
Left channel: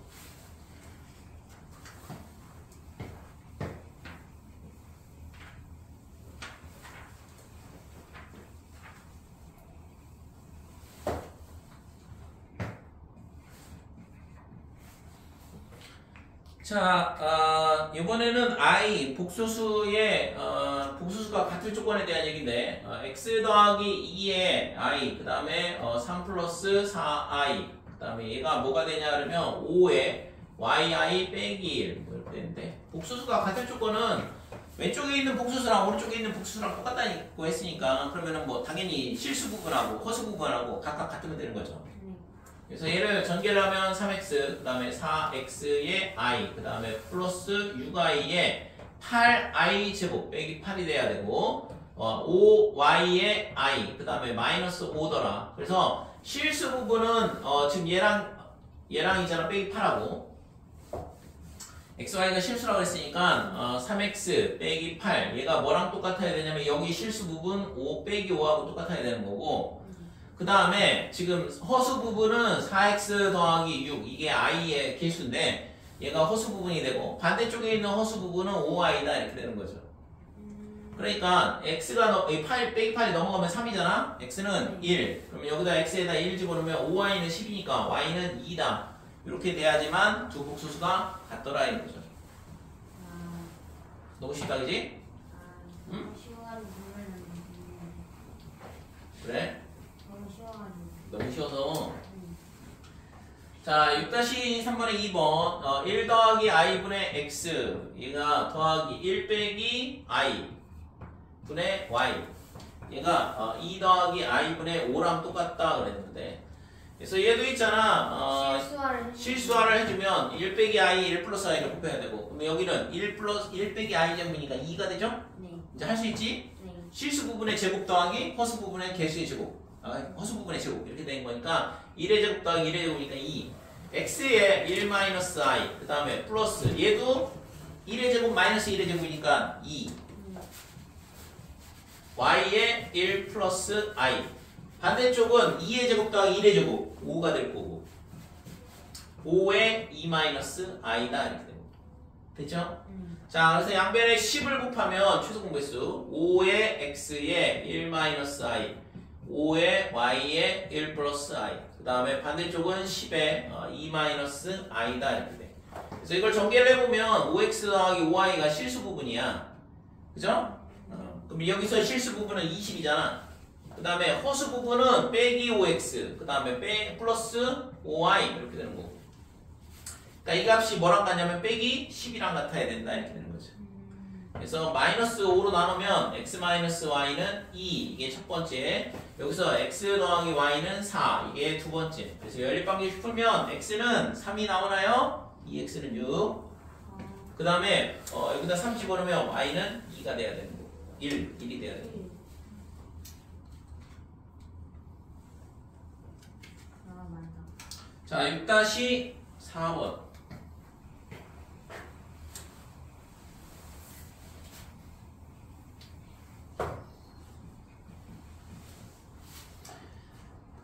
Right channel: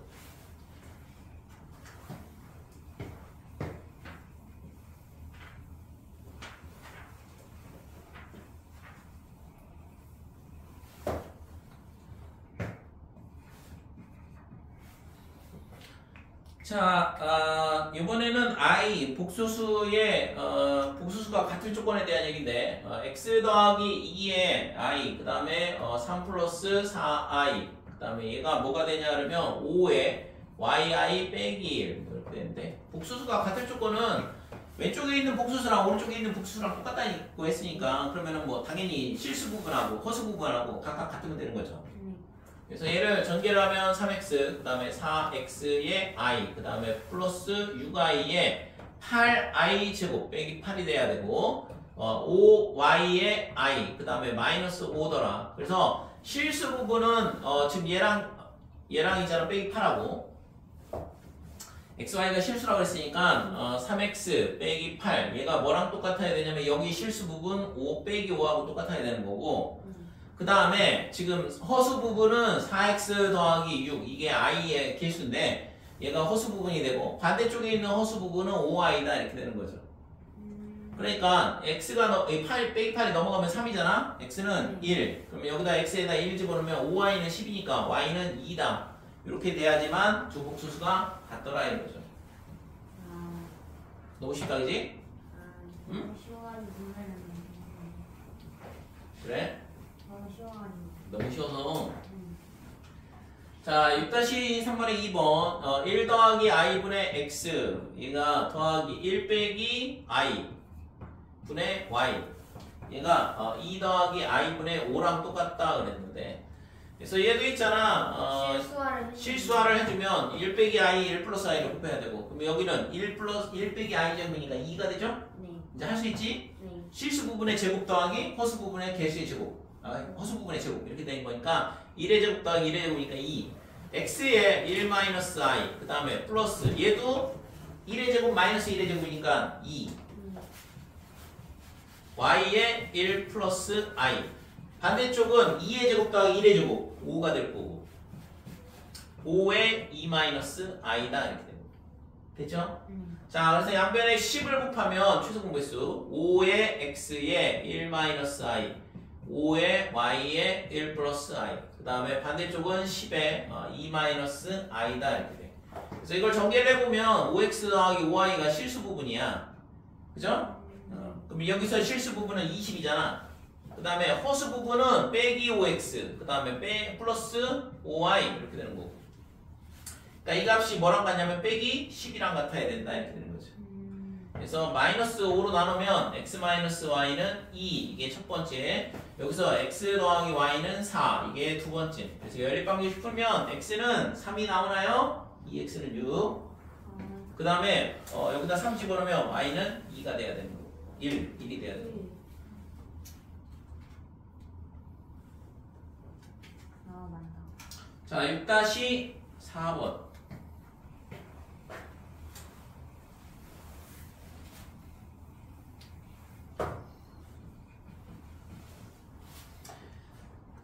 자, 이번에는 i 복소수의 복소수가 같은 조건에 대한 얘기인데 x 더하기 2의 i 그 다음에 3 플러스 4i 다음에 얘가 뭐가 되냐 그러면 5에 yi 빼기 1 뭐 이렇게 되는데 복수수가 같은 조건은 왼쪽에 있는 복수수랑 오른쪽에 있는 복수수랑 똑같다고 했으니까 그러면은 뭐 당연히 실수 부분하고 허수 부분하고 각각 같으면 되는 거죠. 그래서 얘를 전개를 하면 3x 그 다음에 4x의 i 그 다음에 플러스 6i의 8i 제곱 빼기 8이 돼야 되고 5y의 i 그 다음에 마이너스 5더라. 그래서 실수 부분은 지금 얘랑이잖아 빼기 8하고 xy가 실수라고 했으니까 3x 빼기 8 얘가 뭐랑 똑같아야 되냐면 여기 실수 부분 5 빼기 5하고 똑같아야 되는 거고 그 다음에 지금 허수 부분은 4x 더하기 6 이게 i의 개수인데 얘가 허수 부분이 되고 반대쪽에 있는 허수 부분은 5i다 이렇게 되는 거죠. 그러니까 x가 8 빼기 8이 넘어가면 3이잖아. x는 1 그럼 여기다 x에다 1 집어넣으면 5y는 10이니까 y는 2다 이렇게 돼야지만 두 복수수가 같더라 이거죠. 너무 쉽다 그지? 너무 쉬워가지고 정말 그래? 너무 쉬워가지고. 너무 쉬워서 자 6-3번의 2번 1 더하기 i분의 x 얘가 더하기 1 빼기 i 분의 y 얘가 2 더하기 i분의 5랑 똑같다 그랬는데 그래서 얘도 있잖아 실수화를 해주면 1 빼기 i 1 플러스 i를 곱해야 되고 그럼 여기는 1 빼기 i 제곱이니까 2가 되죠? 네. 이제 할 수 있지? 네. 실수 부분의 제곱 더하기 허수 부분의 개수의 제곱 허수 부분의 제곱 이렇게 된 거니까 1의 제곱 더하기 1의 제곱이니까 2 x에 1 마이너스 i 그 다음에 플러스 얘도 1의 제곱 마이너스 1의 제곱이니까 2 y에 1 플러스 i 반대쪽은 2의 제곱 더하기 1의 제곱 5가 될 거고 5에 2 마이너스 i다 이렇게 되고 됐죠? 자 그래서 양변에 10을 곱하면 최소 공배수 5의 x에 1 마이너스 i 5의 y에 1 플러스 i 그 다음에 반대쪽은 10에 2 마이너스 i다 이렇게 돼. 그래서 이걸 전개를 해보면 5x 더하기 5i가 실수 부분이야 그죠? 그럼 여기서 실수 부분은 20이잖아 그 다음에 허수 부분은 빼기 5x 그 다음에 플러스 5i 이렇게 되는 거고 그러니까 이 값이 뭐랑 같냐면 빼기 10이랑 같아야 된다 이렇게 되는 거죠. 그래서 마이너스 5로 나누면 x 마이너스 y는 2 이게 첫 번째 여기서 x 더하기 y는 4 이게 두 번째 그래서 연립방정식 풀면 x는 3이 나오나요? 2x는 6 그 다음에 여기다 3 집어넣으면 y는 2가 돼야 되는 거고 1이 돼야 되는 거고 자 6-4번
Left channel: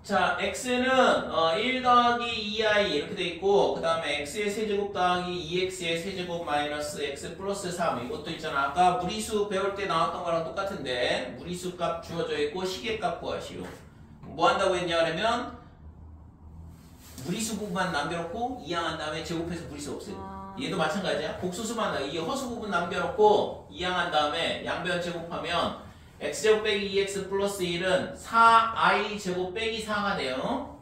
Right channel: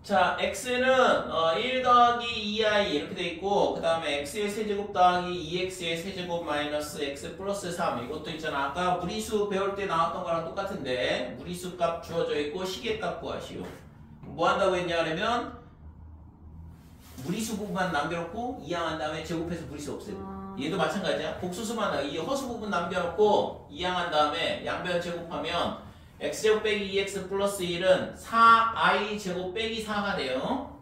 자, x는 1 더하기 2i 이렇게 돼 있고 그 다음에 x의 세제곱 더하기 2x의 세제곱 마이너스 x 플러스 3 이것도 있잖아. 아까 무리수 배울 때 나왔던 거랑 똑같은데 무리수 값 주어져 있고 시계값 구하시오. 뭐 한다고 했냐 하면 무리수 부분만 남겨놓고 이항한 다음에 제곱해서 무리수 없애고 얘도 마찬가지야. 복수수만 이 허수 부분 남겨놓고 이항한 다음에 양변 제곱하면 x제곱 빼기 2x 플러스 1은 4i 제곱 빼기 4가 돼요.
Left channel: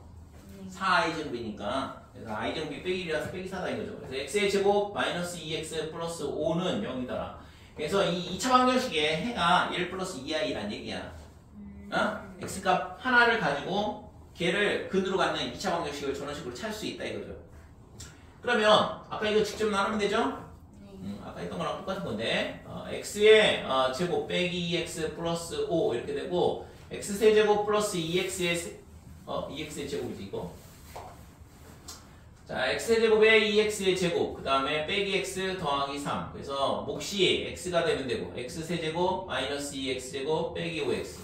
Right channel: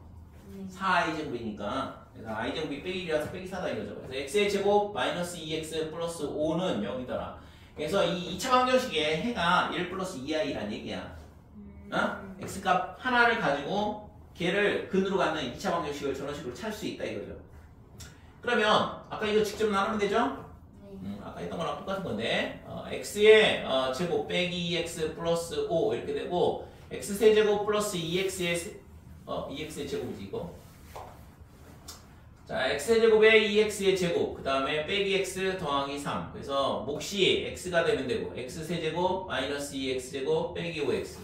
4i 제곱이니까 그래서 i 제곱이 빼기 1이라서 빼기 4다 이거죠. 그래서 x의 제곱 마이너스 2x 플러스 5는 0이더라. 그래서 이 2차 방정식에 해가 1 플러스 2i란 얘기야. x값 하나를 가지고 걔를 근으로 갖는 2차 방정식을 저런 식으로 찾을 수 있다 이거죠. 그러면 아까 이거 직접 나누면 되죠? 아까 했던 거랑 똑같은 건데 x의 제곱 빼기 2x 플러스 5 이렇게 되고 x 세제곱 플러스 2x의 2x의 제곱이지 이거. 자 x 세제곱에 2x의 제곱 그 다음에 빼기 x 더하기 3 그래서 몫이 x가 되면 되고 x 세제곱 마이너스 2x 제곱 빼기 5x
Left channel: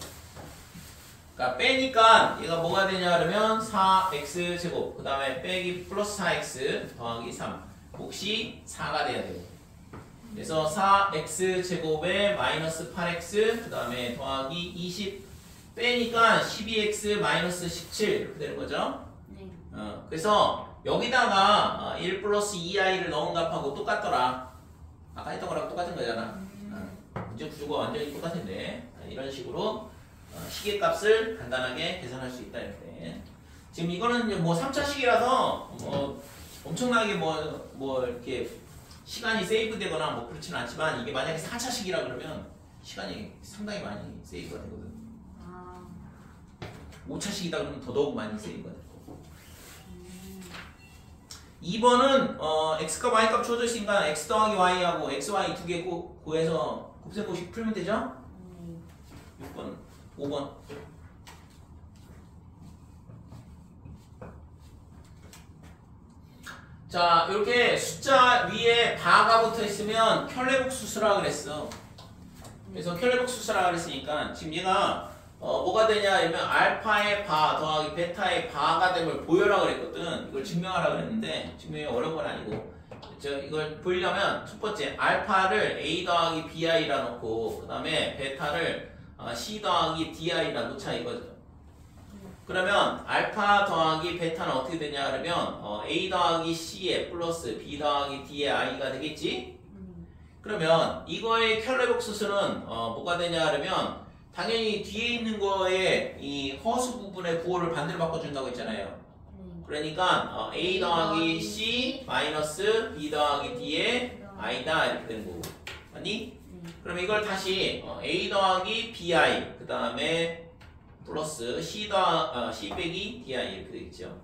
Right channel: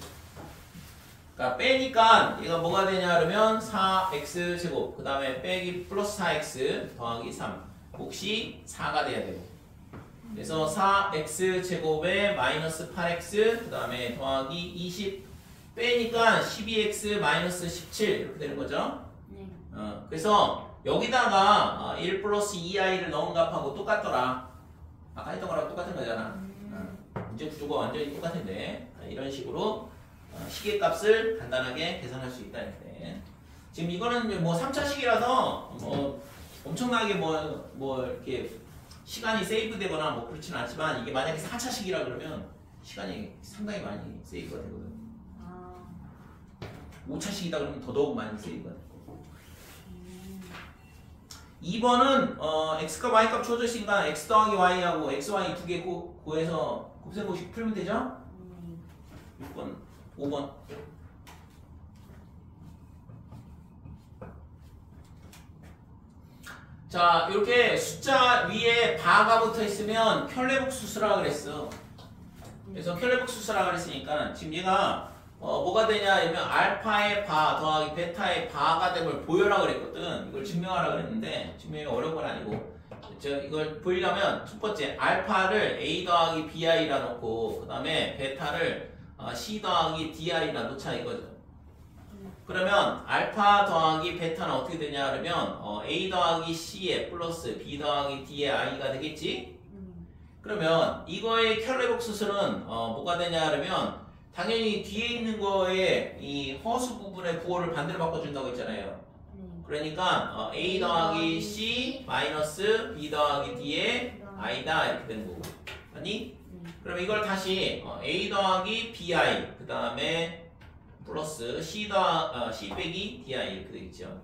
그러니까 빼니까 얘가 뭐가 되냐 그러면 4x 제곱 그 다음에 빼기 플러스 4x 더하기 3 몫이 4가 돼야 되고 그래서 4x 제곱에 마이너스 8x 그 다음에 더하기 20 빼니까 12x 마이너스 17 이렇게 되는 거죠. 그래서 여기다가 1 플러스 2i를 넣은 값하고 똑같더라. 아까 했던 거랑 똑같은 거잖아. 문제 구조가 완전히 똑같은데 이런 식으로 시계값을 간단하게 계산할 수 있다 이렇게. 지금 이거는 이제 뭐 3차식이라서 엄청나게 뭐 이렇게 시간이 세이브되거나 뭐 그렇지는 않지만 이게 만약에 4차식이라 그러면 시간이 상당히 많이 세이브가 되거든. 5차식이다 그러면 더더욱 많이 세이브가 될 거고. 2번은 x과 y 값 주어져 있으니까 x 더하기 y하고 x, y 두 개 구해서 곱셈공식 풀면 되죠? 6번, 5번. 자, 이렇게 숫자 위에 바가 붙어 있으면 켤레복수수라 그랬어. 그래서 켤레복수수라 그랬으니까 지금 얘가 뭐가 되냐 하면 알파의 바 더하기 베타의 바가 됨을 보여라 그랬거든. 이걸 증명하라 그랬는데 증명이 어려운 건 아니고 이걸 보이려면 첫 번째 알파를 a 더하기 bi라 놓고 그 다음에 베타를 c 더하기 di라 놓자 이거죠. 그러면 알파 더하기 베타는 어떻게 되냐 그러면 a 더하기 c에 플러스 b 더하기 d의 i가 되겠지? 그러면 이거의 켤레복수수는 뭐가 되냐 그러면 당연히 뒤에 있는 거에 이 허수 부분의 부호를 반대로 바꿔준다고 했잖아요. 그러니까 a 더하기 c 마이너스 b 더하기 d의 i다 이렇게 되는 거고. 아니? 그럼 이걸 다시 a 더하기 bi 그 다음에 플러스 c 빼기 di 이렇게 되겠죠.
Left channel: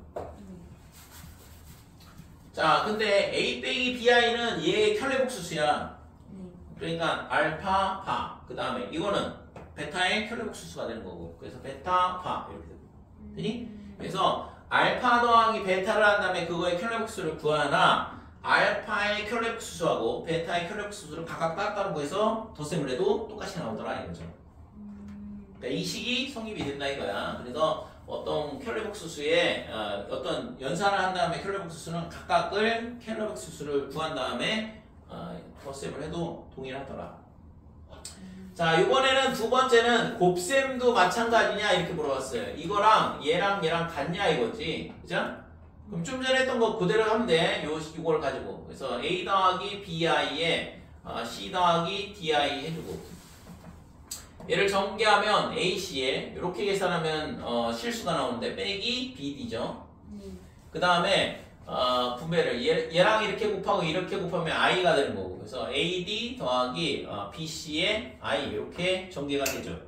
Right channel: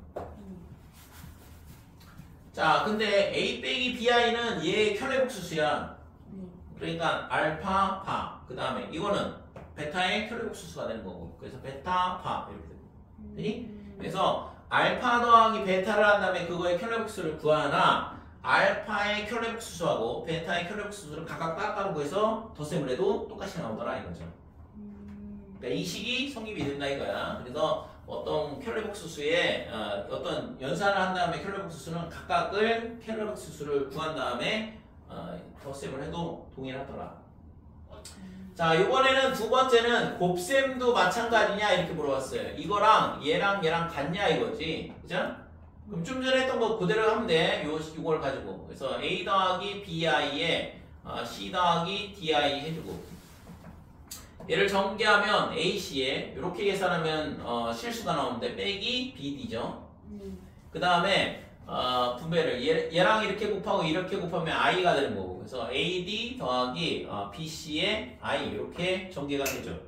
자, 근데 a 빼기 bi는 얘의 켤레복수수야. 그러니까 알파 바 그 다음에 이거는 베타의 켤레복수수가 되는 거고. 그래서 베타 바 이렇게 되고. 되니? 그래서 알파 더하기 베타를 한 다음에 그거의 켤레복수를 구하나 알파의 켤레복수수하고 베타의 켤레복수수를 각각 따로 구해서 덧셈을 해도 똑같이 나오더라 이거죠. 그러니까 이 식이 성립이 된다 이거야. 그래서 어떤 켤레복수수에 어떤 연산을 한 다음에 켤레복수수는 각각을 켤레복수수를 구한 다음에 덧셈을 해도 동일하더라. 자, 이번에는 두 번째는 곱셈도 마찬가지냐 이렇게 물어봤어요. 이거랑 얘랑 같냐 이거지, 그죠? 그럼 좀 전에 했던 거 그대로 하면 돼. 요걸 가지고. 그래서 a 더하기 bi에 c 더하기 di 해주고. 얘를 전개하면 ac에 이렇게 계산하면 실수가 나오는데 빼기 bd죠. 그 다음에 분배를 얘랑 이렇게 곱하고 이렇게 곱하면 i가 되는 거고. 그래서 ad 더하기 bc의 i 이렇게 전개가 되죠.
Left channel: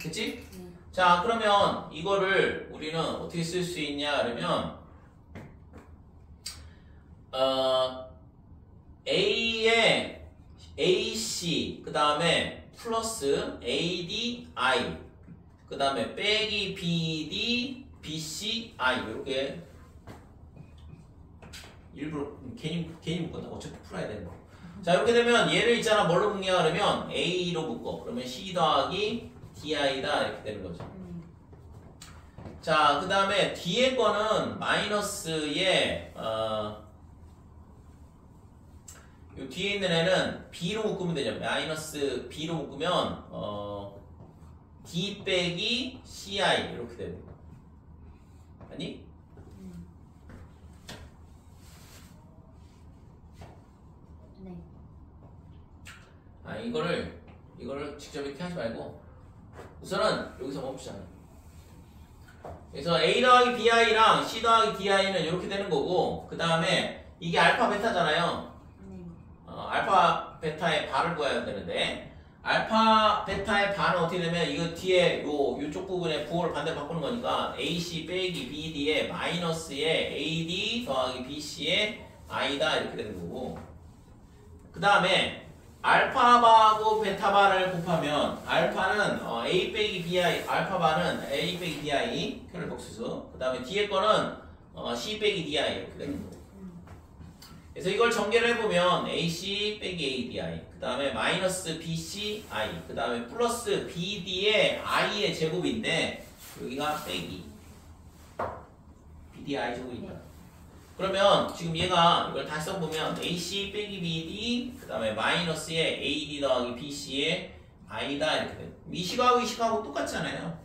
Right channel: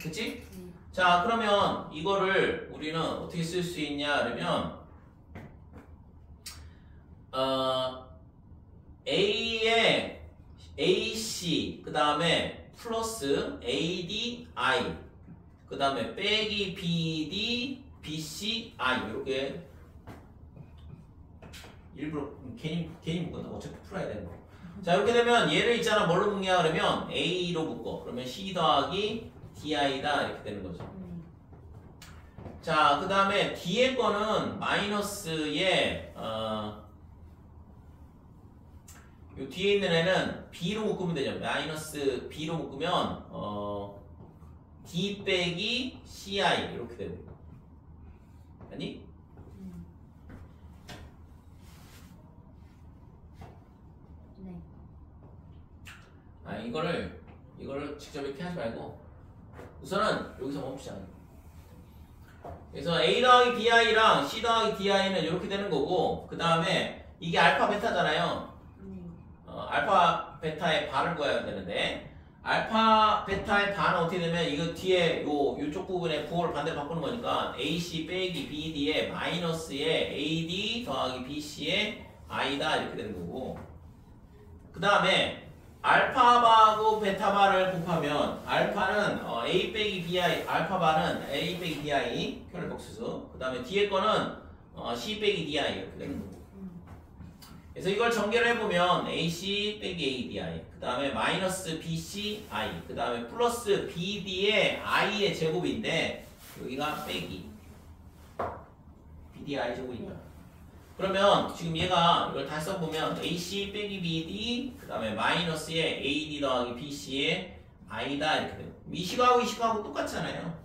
그치? 자, 그러면 이거를 우리는 어떻게 쓸 수 있냐 그러면 a에 ac 그 다음에 플러스 AD, I 그 다음에 빼기 BD, BC, I 이렇게 일부러 괜히 묶었나? 어차피 풀어야 되는 거. 자, 이렇게 되면 얘를 있잖아 뭘로 묶냐 그러면 A로 묶어. 그러면 C 더하기 DI다 이렇게 되는 거죠. 자, 그 다음에 뒤에 거는 마이너스에 요 뒤에 있는 애는 B로 묶으면 되죠. 마이너스 B로 묶으면 D 빼기 CI 이렇게 되고. 아니? 네. 이거를 직접 이렇게 하지 말고 우선은 여기서 멈추자. 그래서 A 더하기 BI랑 C 더하기 DI는 이렇게 되는 거고, 그 다음에 이게 알파 베타잖아요. 알파 베타의 바를 구해야 되는데, 알파 베타의 바는 어떻게 되면 이거 뒤에 요쪽 부분에 부호를 반대로 바꾸는 거니까 AC 빼기 BD에 마이너스에 AD 더하기 BC에 I다 이렇게 되는 거고, 그 다음에 알파바하고 베타바를 곱하면 알파는 A 빼기 BI, 알파바는 A 빼기 BI 켤레복수수, 그 다음에 뒤에 거는 C 빼기 DI 이렇게 되는 거고. 그래서 이걸 전개를 해보면 AC 빼기 ABI, 그 다음에 마이너스 BC I, 그 다음에 플러스 BD의 I의 제곱인데 여기가 빼기 BDI 제곱이다. 그러면 지금 얘가 이걸 다시 써보면 AC 빼기 BD 그 다음에 마이너스에 AD 더하기 BC의 I다 이렇게 돼요. 이 식하고 이 식하고 똑같잖아요.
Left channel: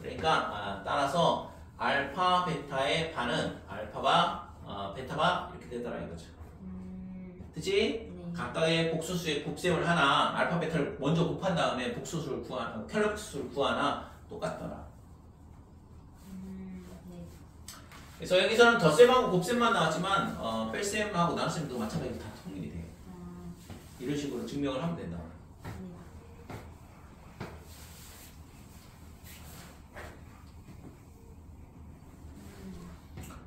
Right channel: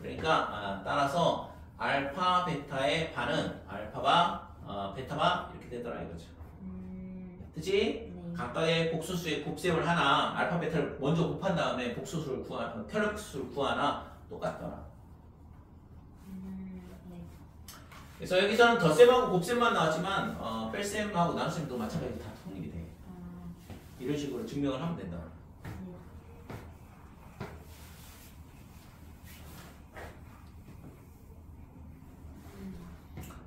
그러니까 따라서 알파 베타의 바는 알파바 베타바 이렇게 되더라 이거죠. 그치? 각각의 복수수의 곱셈을 하나 알파 베타를 먼저 곱한 다음에 복수수를 구하나 켤레복수수를 구하나 똑같더라. 그래서 여기서는 덧셈하고 곱셈만 나왔지만 뺄셈하고 나눗셈도 마찬가지로 다 통일이 돼. 이런 식으로 증명을 하면 된다.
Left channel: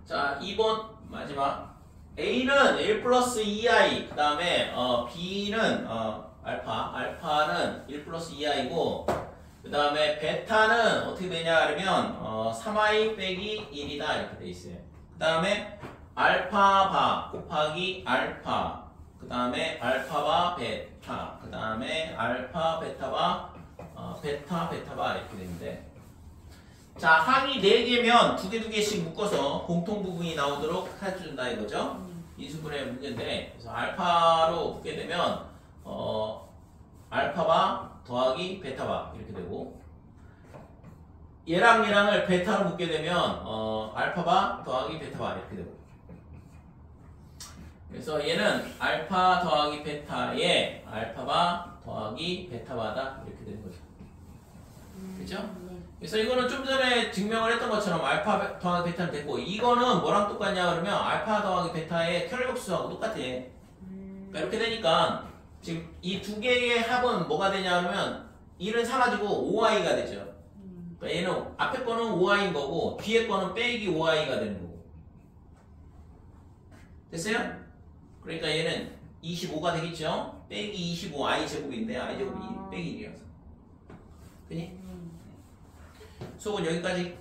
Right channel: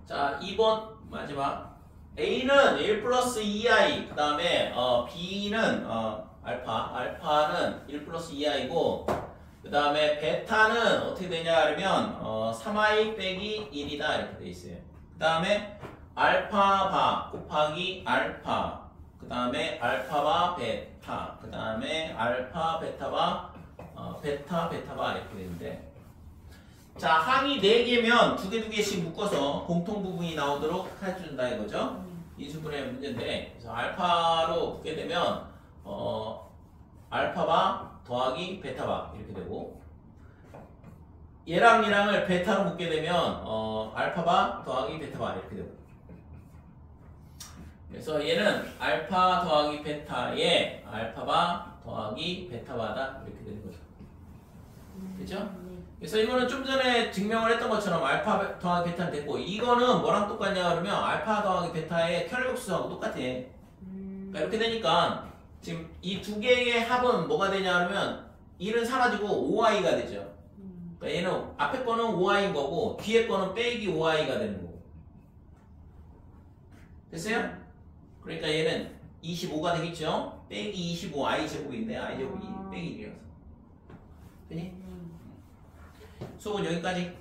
자, 2번 마지막. A는 1 플러스 2i, 그 다음에 B는 알파는 1 플러스 2i고, 그 다음에 베타는 어떻게 되냐 하면 3i 빼기 1이다 이렇게 돼 있어요. 그 다음에 알파바 곱하기 알파, 그 다음에 알파바 베타, 그 다음에 알파 베타바 베타 베타바 이렇게 되는데, 자, 항이 4개면 2개씩 묶어서 공통 부분이 나오도록 해준다 이거죠. 인수분해 문제인데, 그래서 알파로 붙게 되면 알파바 더하기 베타바 이렇게 되고, 얘랑을 베타로 묶게 되면 알파바 더하기 베타바 이렇게 되고, 그래서 얘는 알파 더하기 베타에 알파바 더하기 베타바다 이렇게 되는 거죠. 그렇죠? 그래서 이거는 좀 전에 증명을 했던 것처럼 알파 더하기 베타는 됐고, 이거는 뭐랑 똑같냐 그러면 알파 더하기 베타의 혈격수하고 똑같아. 그러니까 이렇게 되니까 지금 이 두 개의 합은 뭐가 되냐 그러면 1은 사라지고 5i가 되죠. 그러니까 얘는 앞에 거는 5i인 거고 뒤에 거는 빼기 5i가 되는 거고. 됐어요? 그러니까 얘는 25가 되겠죠? 빼기 25 i 제곱인데 i 제곱이 빼기 1이어서. 되니? 수업은 여기까지.